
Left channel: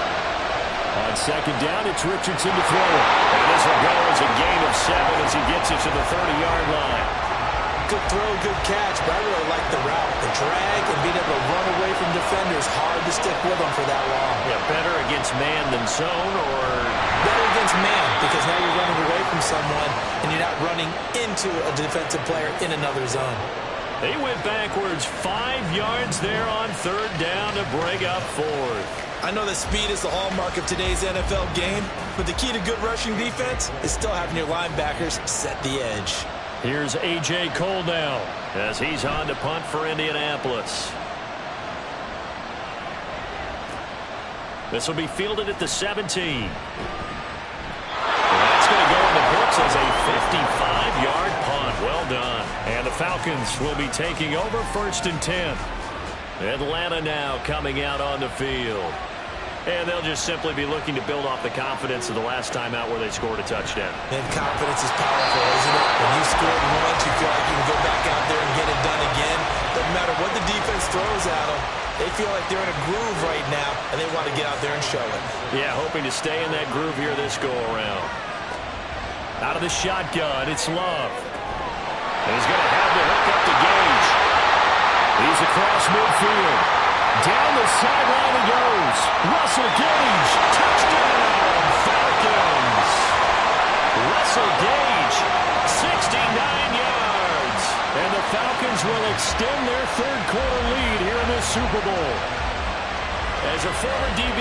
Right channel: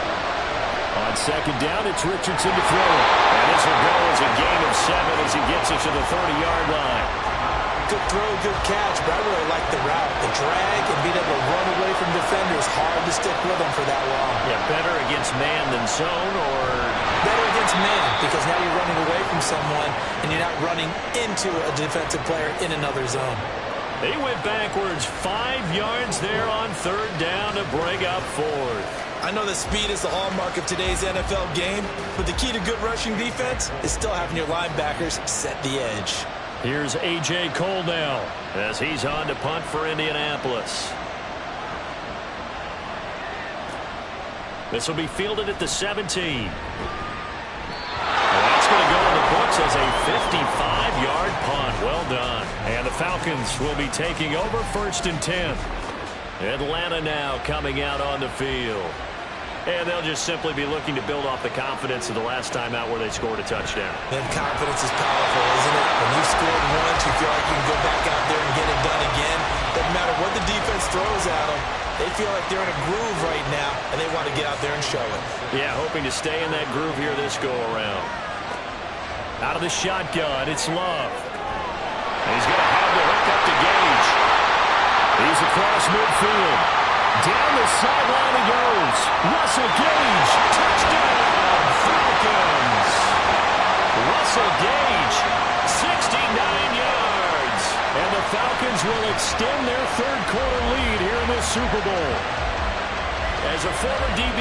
On 2nd down, it's Richardson to throw it. And this will go as a gain of 7 as he gets it to the 30-yard line. Good throw, good catch, but I really like the route. The drag and being able to run away from defenders. Hard to stick with them for that long. Yeah, better against man than zone, or? Better against man, because now you're running away from someone and you're not running into a defensive player in another zone. He went backwards 5 yards there on third down to bring up fourth. I know that speed is the hallmark of today's NFL game, but the key to good rushing defense is still having your linebackers set the edge. Here's A.J. Cole now as he's on to punt for Indianapolis. This will be fielded at the 17. That's going to go in the books as a 55-yard punt. Well done. And the Falcons will be taking over 1st and 10. Atlanta now coming out on the field. And they'll just simply be looking to build off the confidence of the last time out where they scored a touchdown. And confidence is powerful, isn't it? When you scored once, you feel like you can go back out there and get it done again. Doesn't matter what the defense throws at them. They feel like they're in a groove right now, and they want to get out there and show it. Yeah, hoping to stay in that groove here this go-around. Out of the shotgun, it's Love. And he's going to have the hook up to Gage. He's across midfield. Down the sideline he goes. Russell Gage, touchdown, Falcons. Russell Gage, 69 yards. And the Falcons will extend their third-quarter lead here in this Super Bowl. As a former DB,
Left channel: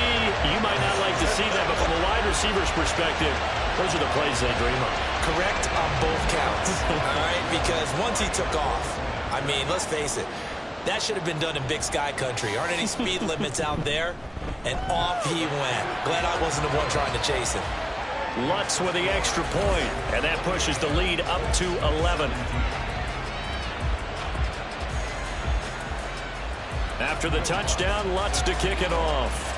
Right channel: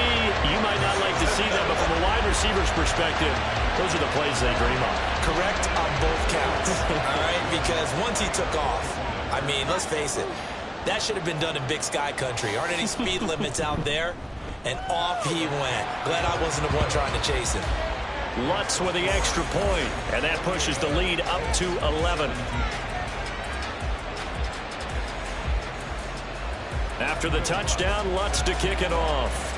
you might not like to see that, but from a wide receiver's perspective, those are the plays they dream of. Correct on both counts, all right? Because once he took off, I mean, let's face it, that should have been done in Big Sky country. Aren't any speed limits out there? And off he went. Glad I wasn't the one trying to chase him. Lutz with the extra point, and that pushes the lead up to 11. After the touchdown, Lutz to kick it off.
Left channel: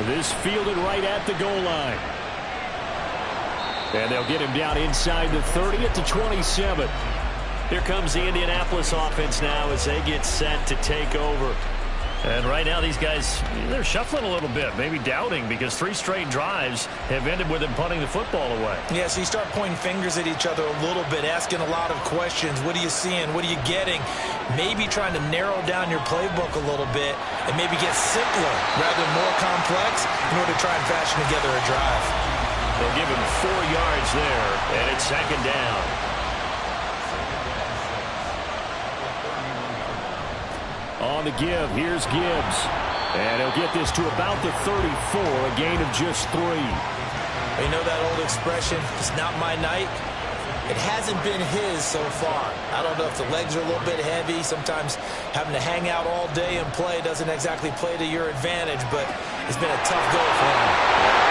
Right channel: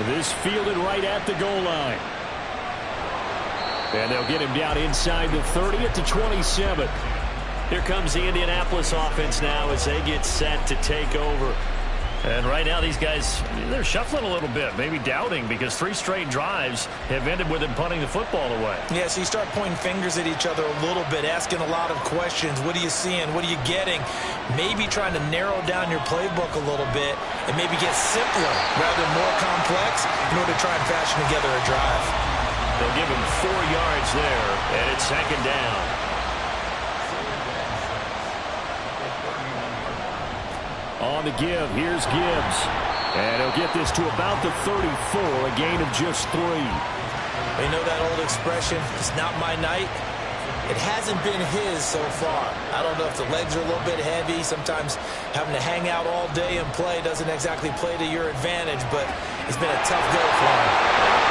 This fielded right at the goal line. And they'll get him down inside the 30 at the 27. Here comes the Indianapolis offense now as they get set to take over. And right now these guys, they're shuffling a little bit, maybe doubting, because 3 straight drives have ended with them punting the football away. Yeah, so you start pointing fingers at each other a little bit, asking a lot of questions. What are you seeing? What are you getting? Maybe trying to narrow down your playbook a little bit and maybe get simpler rather than more complex in order to try and fashion together a drive. They'll give him 4 yards there, and it's 2nd down. On the give, here's Gibbs. And he'll get this to about the 34, a gain of just 3. You know that old expression, it's not my night? It hasn't been his so far. I don't know if the legs are a little bit heavy. Sometimes having to hang out all day and play doesn't exactly play to your advantage, but it's been a tough go for him.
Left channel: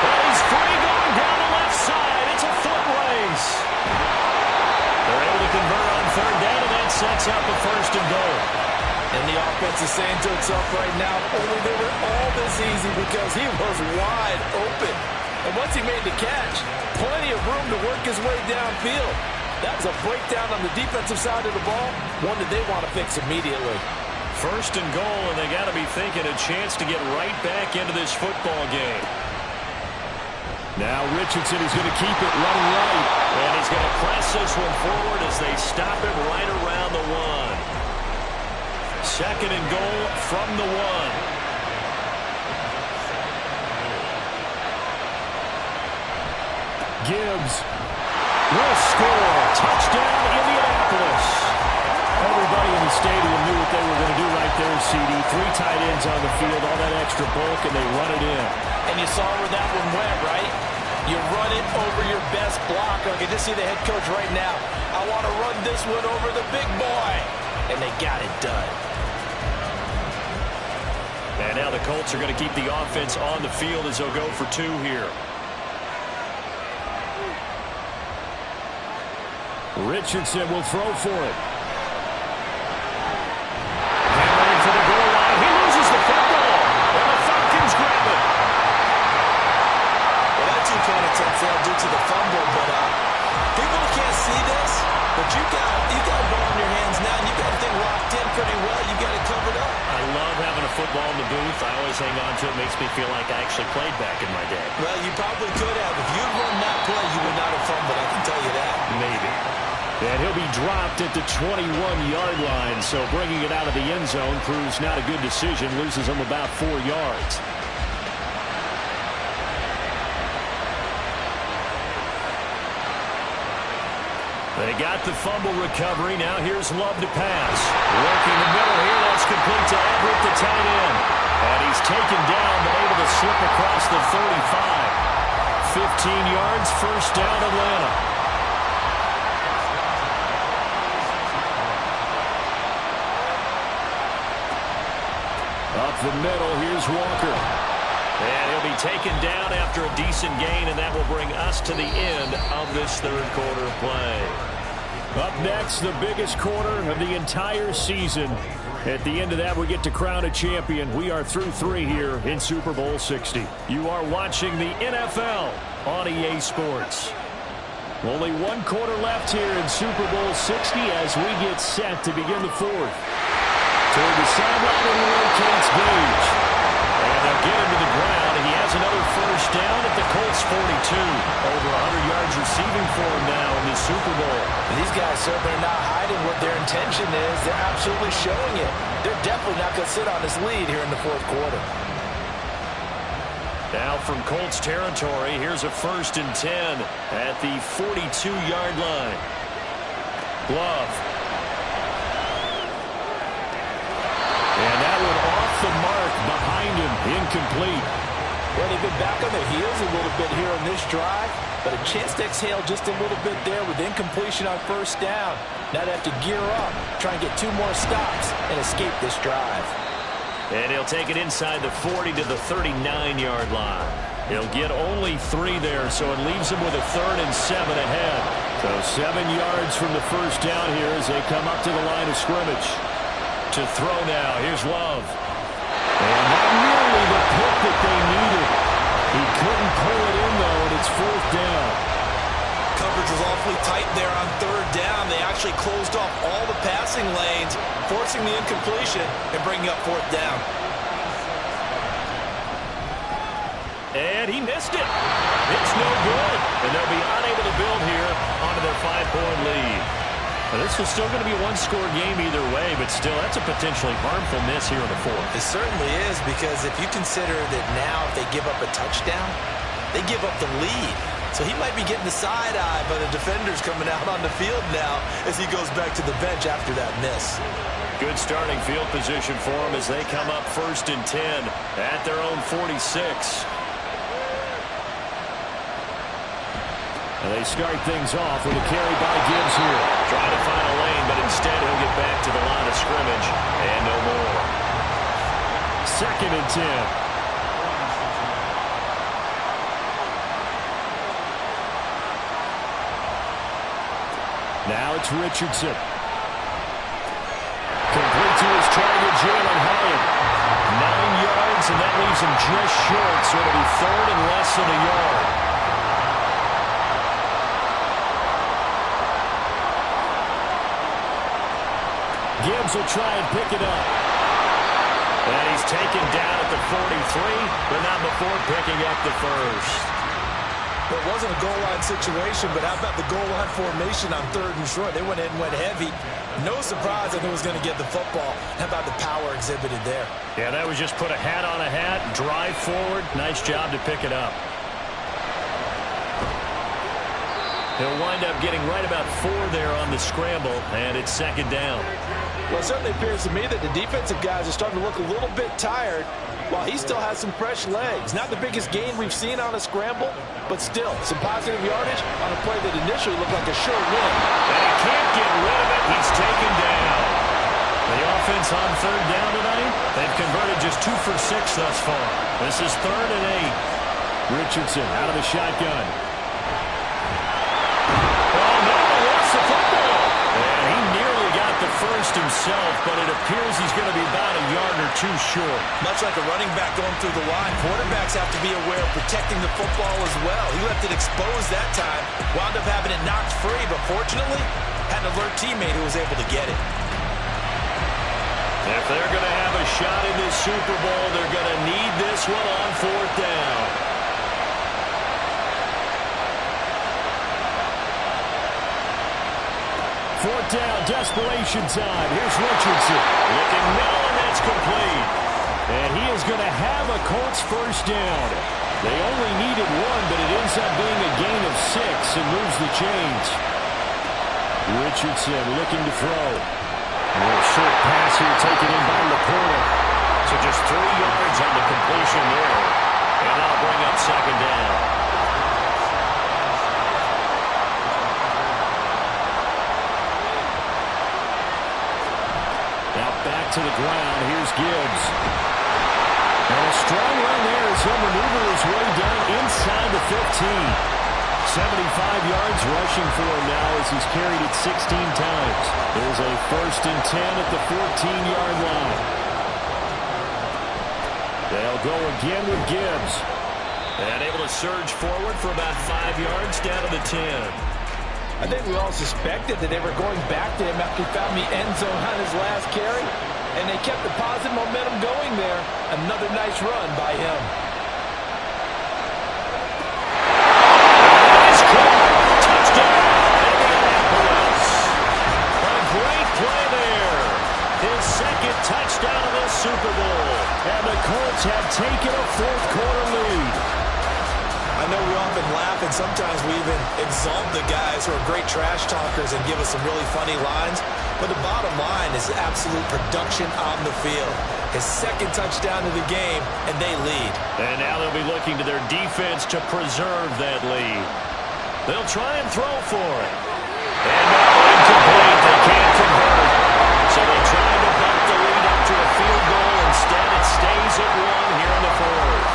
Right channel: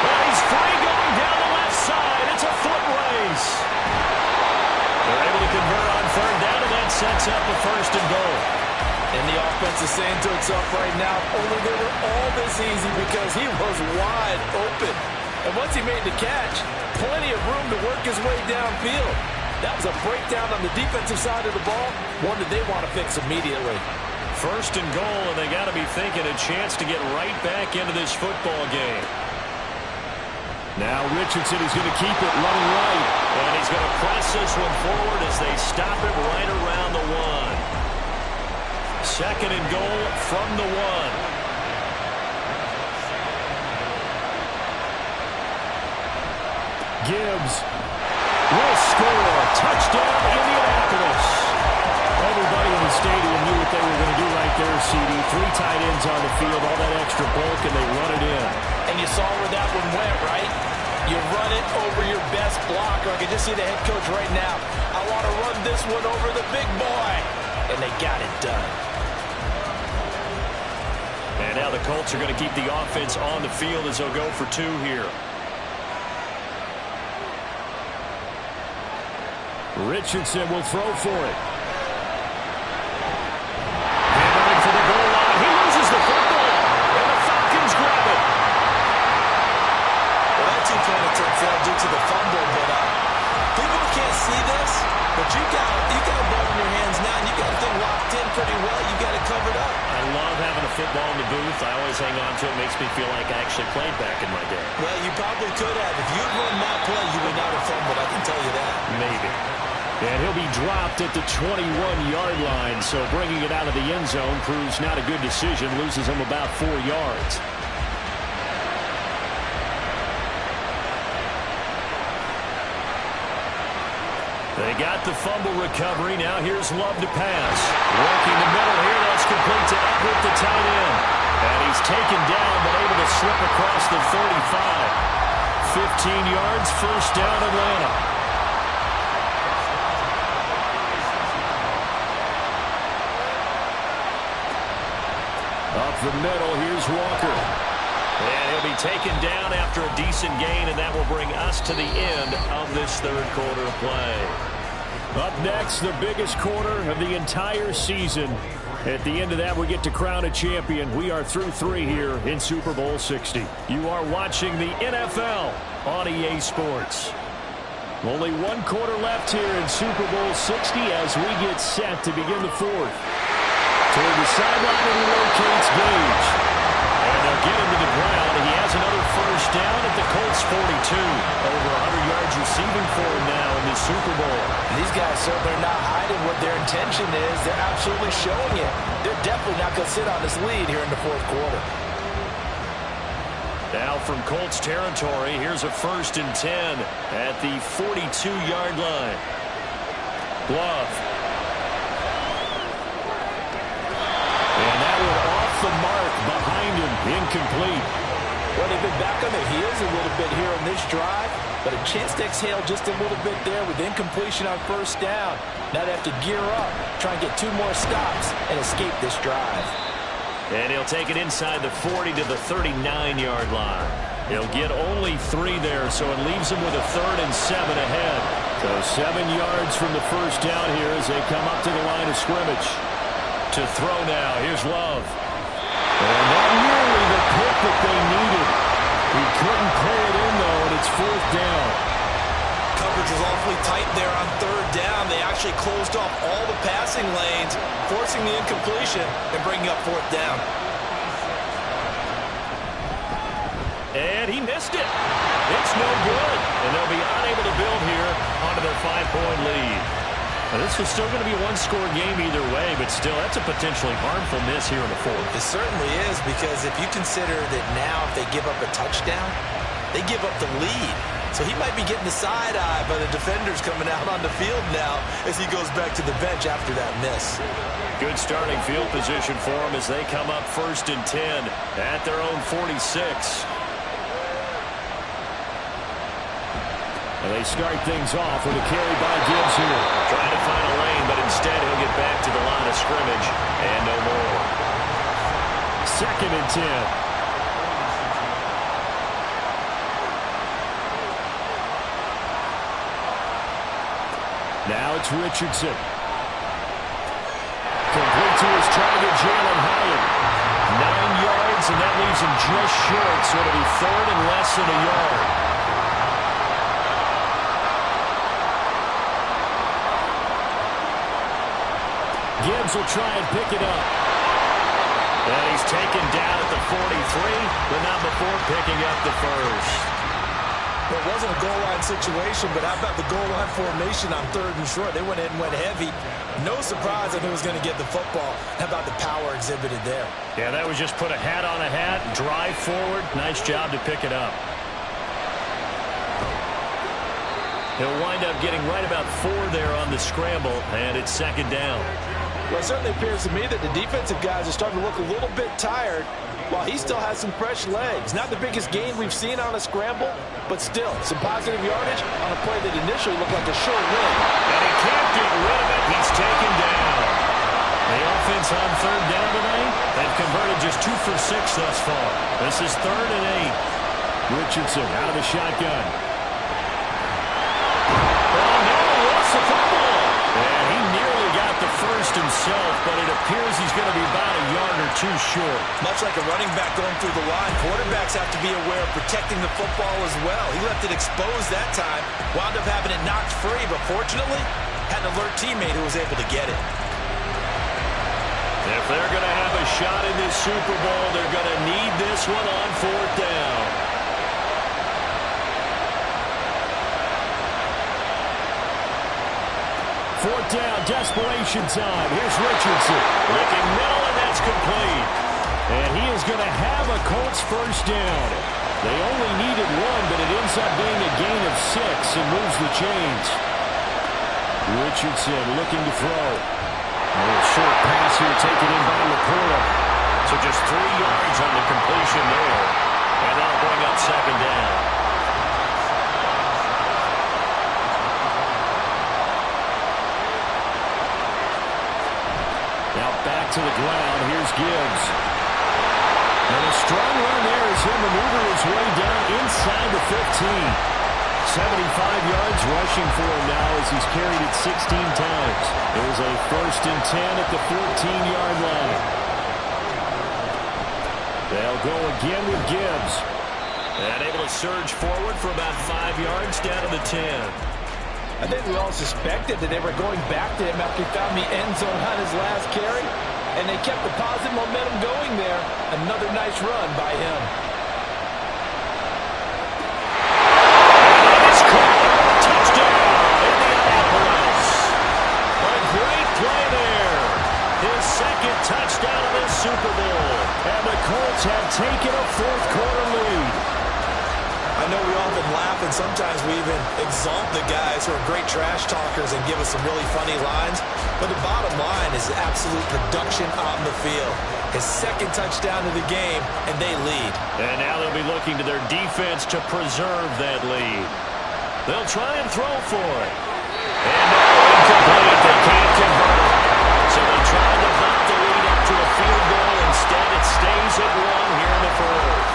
But he's free going down the left side. It's a foot race. They're able to convert on 3rd down, and that sets up a 1st and goal. And the offense is saying to itself right now, only they were all this easy because he was wide open. And once he made the catch, plenty of room to work his way downfield. That was a breakdown on the defensive side of the ball, one that they want to fix immediately. 1st and goal, and they got to be thinking a chance to get right back into this football game. Now Richardson is going to keep it running right. And he's going to press this one forward as they stop it right around the 1. 2nd and goal from the 1. Gibbs will score. Touchdown, Indianapolis. Everybody in the stadium knew what they were going to do right there, CD. 3 tight ends on the field, all that extra bulk, and they run it in. And you saw where that one went, right? You run it over your best blocker. I can just see the head coach right now. I want to run this one over the big boy. And they got it done. And now the Colts are going to keep the offense on the field as they'll go for 2 here. Richardson will throw for it. Hammering for the goal line. He loses the football. And the Falcons grab it. Well, that 2-point attempt failed due to the fumble, but people can't see this, but you got a ball in your hands now, and you got the thing locked in pretty well. You got it covered up. I love having a football in the booth. I always hang on to it. Makes me feel like I actually played back in my day. Well, you probably could have. If you'd run that play, you would not have fumbled. I can tell you that. Maybe. And he'll be dropped at the 21-yard line, so bringing it out of the end zone proves not a good decision. Loses him about 4 yards. They got the fumble recovery. Now here's Love to pass. Working the middle here. That's complete to Everett, the tight end. And he's taken down, but able to slip across the 35. 15 yards, first down, Atlanta. Up the middle, here's Walker. And he'll be taken down after a decent gain, and that will bring us to the end of this third quarter of play. Up next, the biggest quarter of the entire season. At the end of that, we get to crown a champion. We are through 3 here in Super Bowl 60. You are watching the NFL on EA Sports. Only 1 quarter left here in Super Bowl 60 as we get set to begin the fourth. Toward the sideline, and he locates Gage. And they'll get him to the ground. He has another first down at the Colts 42. Over 100 yards receiving for him now in this Super Bowl. And these guys certainly are not hiding what their intention is. They're absolutely showing it. They're definitely not going to sit on this lead here in the fourth quarter. Now from Colts territory, here's a 1st and 10 at the 42-yard line. Glove. And that one off the mark behind him, incomplete. Well, they've been back on their heels a little bit here on this drive, but a chance to exhale just a little bit there with incompletion on first down. Now they have to gear up, try and get 2 more stops, and escape this drive. And he'll take it inside the 40 to the 39-yard line. He'll get only 3 there, so it leaves him with a 3rd and 7 ahead. So 7 yards from the first down here as they come up to the line of scrimmage. To throw now. Here's Love. And not nearly the pick that they needed. He couldn't pull it in, though, and it's 4th down. Coverage was awfully tight there on 3rd down. They actually closed off all the passing lanes, forcing the incompletion and bringing up 4th down. And he missed it. It's no good. And they'll be unable to build here onto their 5-point lead. Now, this is still going to be a 1-score game either way, but still, that's a potentially harmful miss here in the fourth. It certainly is, because if you consider that now if they give up a touchdown, they give up the lead. So he might be getting the side eye by the defenders coming out on the field now as he goes back to the bench after that miss. Good starting field position for him as they come up 1st and 10 at their own 46. And they start things off with a carry by Gibbs here. Trying to find a lane, but instead he'll get back to the line of scrimmage and no more. 2nd and 10. Now it's Richardson. Complete to his target, Jalen Hyatt. 9 yards, and that leaves him just short, so it'll be 3rd and less than a yard. Gibbs will try and pick it up. And he's taken down at the 43, but not before picking up the first. Well, it wasn't a goal line situation, but how about the goal line formation on 3rd and short? They went in and went heavy. No surprise that he was going to get the football. How about the power exhibited there? Yeah, that was just put a hat on a hat, drive forward. Nice job to pick it up. He'll wind up getting right about 4 there on the scramble, and it's 2nd down. Well, it certainly appears to me that the defensive guys are starting to look a little bit tired while he still has some fresh legs. Not the biggest gain we've seen on a scramble, but still some positive yardage on a play that initially looked like a sure win. And he can't get rid of it. He's taken down. The offense on 3rd down tonight, they've converted just 2 for 6 thus far. This is 3rd and 8. Richardson out of the shotgun. Oh, no, he lost the football. And he nearly got the first himself, but it appears he's going to be about a yard or 2 short. Much like a running back going through the line, quarterbacks have to be aware of protecting the football as well. He left it exposed that time, wound up having it knocked free, but fortunately, had an alert teammate who was able to get it. If they're going to have a shot in this Super Bowl, they're going to need this one on 4th down. 4th down, desperation time. Here's Richardson. Looking middle, and that's complete. And he is going to have a Colts first down. They only needed 1, but it ends up being a gain of 6 and moves the chains. Richardson looking to throw. A little short pass here taken in by Laporta. So just 3 yards on the completion there. And that'll bring up second down. Now back to the ground. Here's Gibbs. And a strong run there as he'll maneuver his way down inside the 15. 75 yards rushing for him now as he's carried it 16 times. There's a 1st and 10 at the 14-yard line. They'll go again with Gibbs. And able to surge forward for about 5 yards down to the 10. I think we all suspected that they were going back to him after he found the end zone on his last carry. And they kept the positive momentum going there. Another nice run by him. Second touchdown of this Super Bowl. And the Colts have taken a 4th quarter lead. I know we often laugh and sometimes we even exalt the guys who are great trash talkers and give us some really funny lines. But the bottom line is absolute production on the field. His 2nd touchdown of the game, and they lead. And now they'll be looking to their defense to preserve that lead. They'll try and throw for it. And now incomplete. They can't convert. So they tried to bump the lead up to a field goal. Instead, it stays at 1 here in the 4th.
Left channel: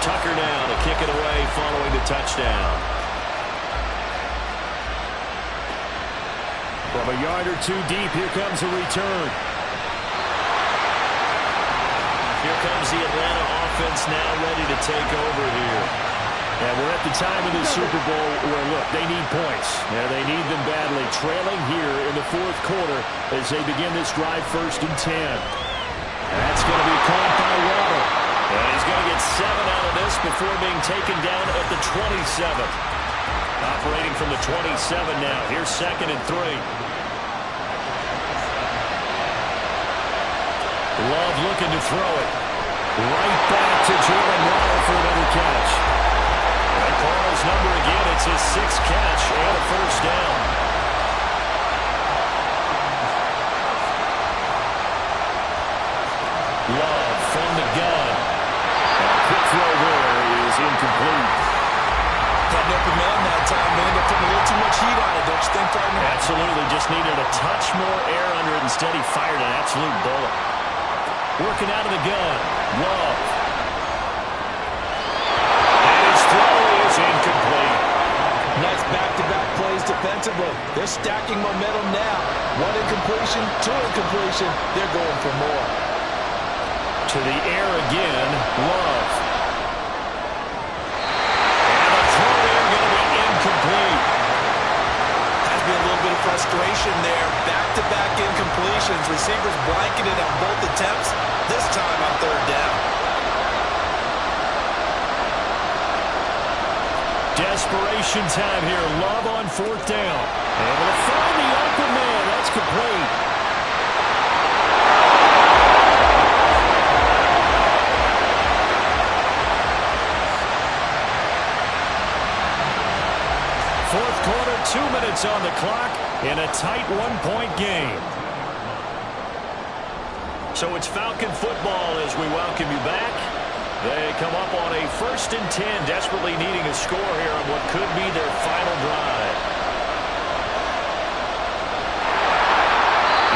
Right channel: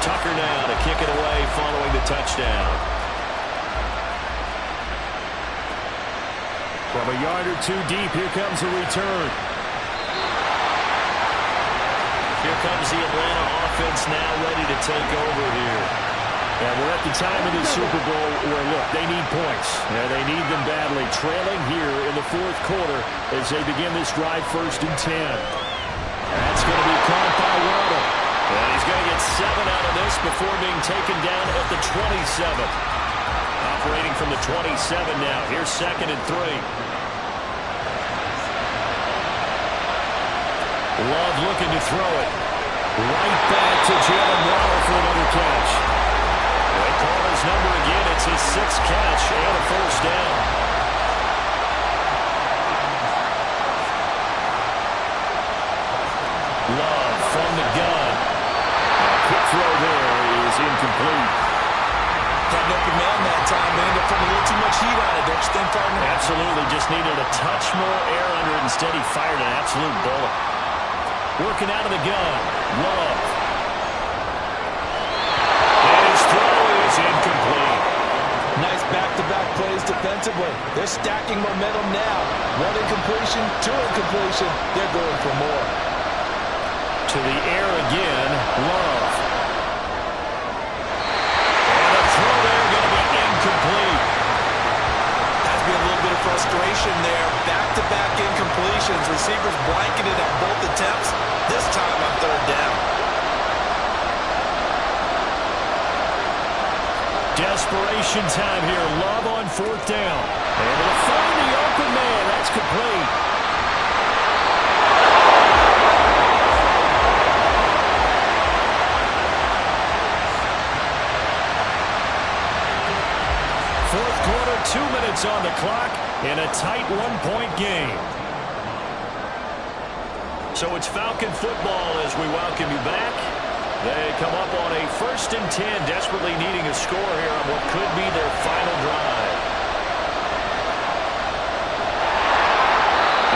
Tucker now to kick it away following the touchdown. From a yard or 2 deep, here comes a return. Here comes the Atlanta offense now ready to take over here. And we're at the time of this Super Bowl where, look, they need points. Yeah, they need them badly. Trailing here in the 4th quarter as they begin this drive 1st and 10. And that's going to be caught by Waddle. And he's going to get 7 out of this before being taken down at the 27. Operating from the 27 now. Here's 2nd and 3. Love looking to throw it. Right back to Jalen Waddle for another catch. They call his number again. It's his 6th catch and a 1st down. Love from the gun. And a quick throw there is incomplete. Had an open man that time. They ended up putting a little too much heat on it, don't you think, partner? Absolutely. Just needed a touch more air under it. Instead, he fired an absolute bullet. Working out of the gun. Love. Throw is incomplete. Nice back-to-back plays defensively. They're stacking momentum now. 1 incompletion, 2 incompletion. They're going for more. To the air again, Love. And a throw there going to be incomplete. Has been a little bit of frustration there. Back-to-back incompletions. Receivers blanketed on both attempts. This time on 3rd down. Desperation time here. Love on 4th down. Able to find the open man. That's complete. Fourth quarter, 2 minutes on the clock in a tight 1-point game. So it's Falcon football as we welcome you back. They come up on a 1st and 10, desperately needing a score here on what could be their final drive.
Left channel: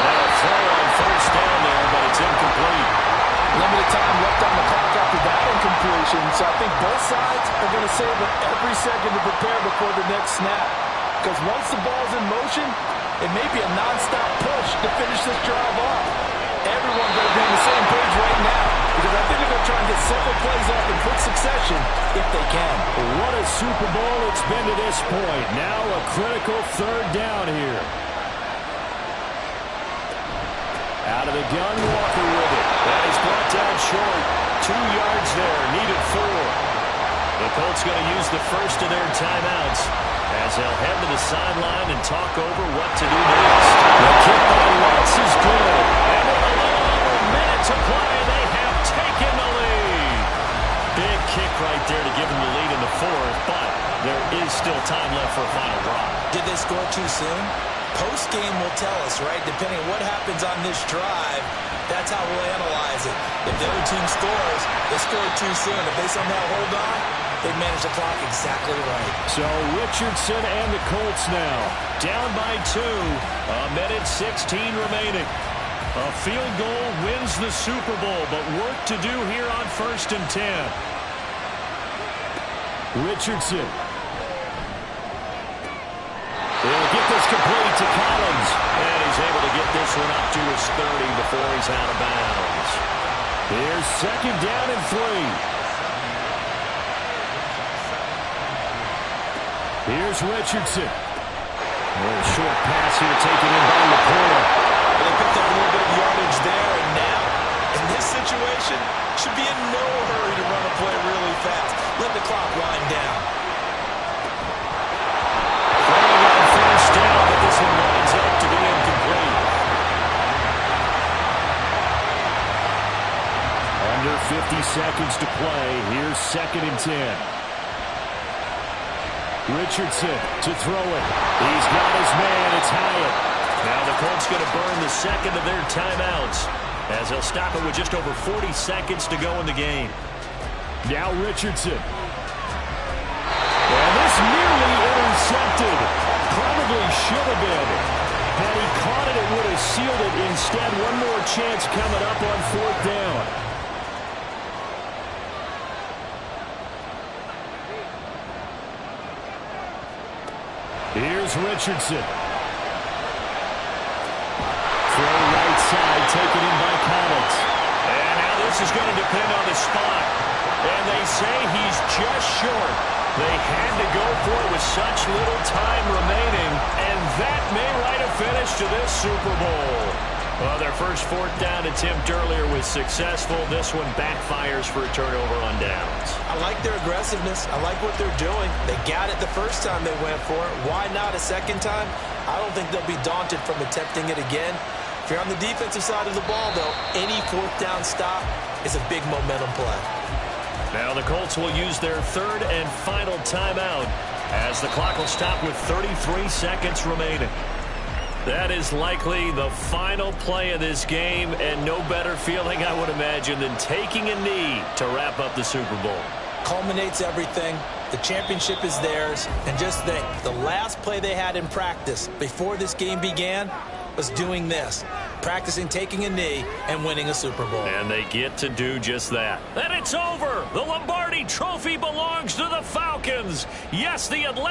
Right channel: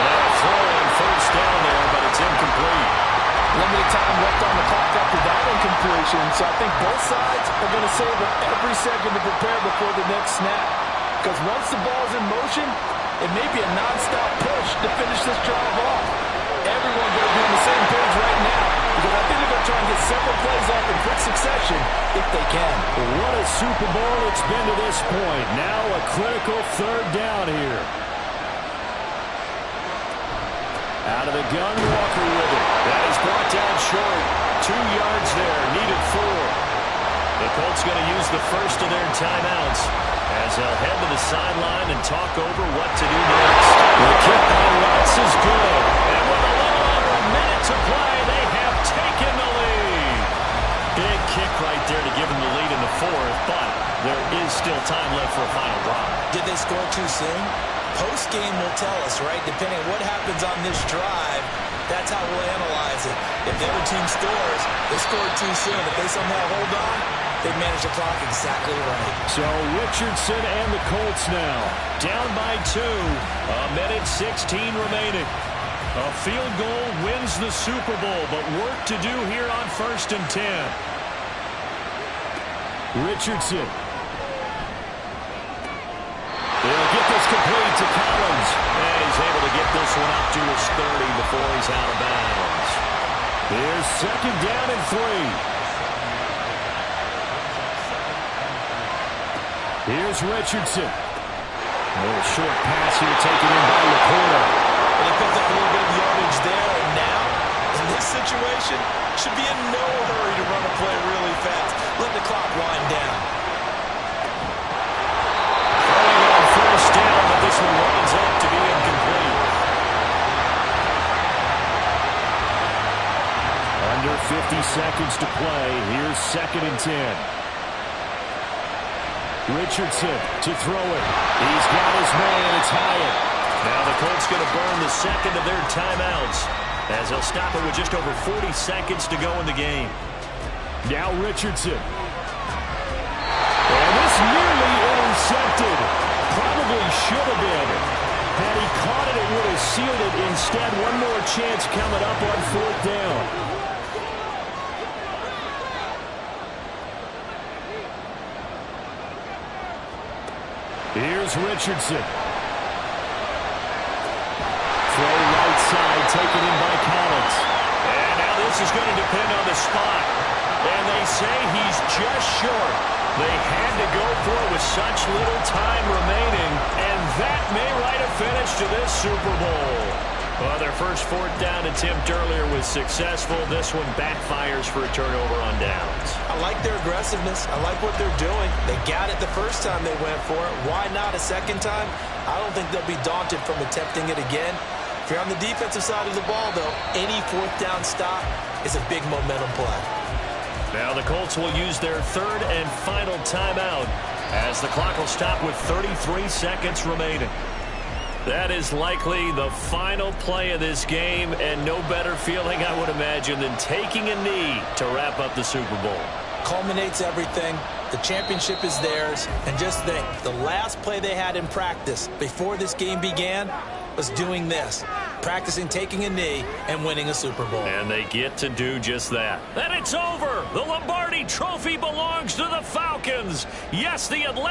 And a throw on 1st down there, but it's incomplete. Limited time left on the clock after that incompletion, so I think both sides are going to savor every second to prepare before the next snap. Because once the ball's in motion, it may be a nonstop push to finish this drive off. Everyone better be on the same page right now, because I think they're going to try and get several plays off in quick succession if they can. What a Super Bowl it's been to this point. Now a critical 3rd down here. Out of the gun, Walker with it. That is brought down short. 2 yards there, needed 4. The Colts going to use the first of their timeouts as they'll head to the sideline and talk over what to do next. The kick by Lutz is good. And with a little over a minute to play, they have taken the lead. Big kick right there to give them the lead in the fourth, but there is still time left for a final drive. Did they score too soon? Post-game will tell us, right? Depending on what happens on this drive, that's how we'll analyze it. If the other team scores, they scored too soon. If they somehow hold on, they manage the clock exactly right. So Richardson and the Colts now down by 2. 1:16 remaining. A field goal wins the Super Bowl, but work to do here on 1st and 10. Richardson. They'll get this complete to Collins. And he's able to get this one up to his 30 before he's out of bounds. Here's 2nd down and 3. Here's Richardson. A little short pass here taken in by Laporta. But they picked up a little bit of yardage there, and now, in this situation, should be in no hurry to run a play really fast. Let the clock wind down. Throwing on 1st down, but this one winds up to be incomplete. Under 50 seconds to play. Here's 2nd and 10. Richardson to throw it. He's got his man. It's Hyatt. Now the Colts going to burn the 2nd of their timeouts as they'll stop it with just over 40 seconds to go in the game. Now Richardson. And this nearly intercepted. Probably should have been. Had he caught it, it would have sealed it. Instead, one more chance coming up on 4th down. Here's Richardson. Throw right side, taken in by Collins. And now this is going to depend on the spot. And they say he's just short. They had to go for it with such little time remaining. And that may write a finish to this Super Bowl. Well, their first 4th down attempt earlier was successful. This one backfires for a turnover on downs. I like their aggressiveness. I like what they're doing. They got it the first time they went for it. Why not a second time? I don't think they'll be daunted from attempting it again. If you're on the defensive side of the ball, though, any 4th down stop is a big momentum play. Now the Colts will use their 3rd and final timeout as the clock will stop with 33 seconds remaining. That is likely the final play of this game, and no better feeling, I would imagine, than taking a knee to wrap up the Super Bowl. Culminates everything. The championship is theirs. And just think, the last play they had in practice before this game began was doing this, practicing taking a knee and winning a Super Bowl. And they get to do just that. And it's over. The Lombardi Trophy belongs to the Falcons. Yes, the Atlanta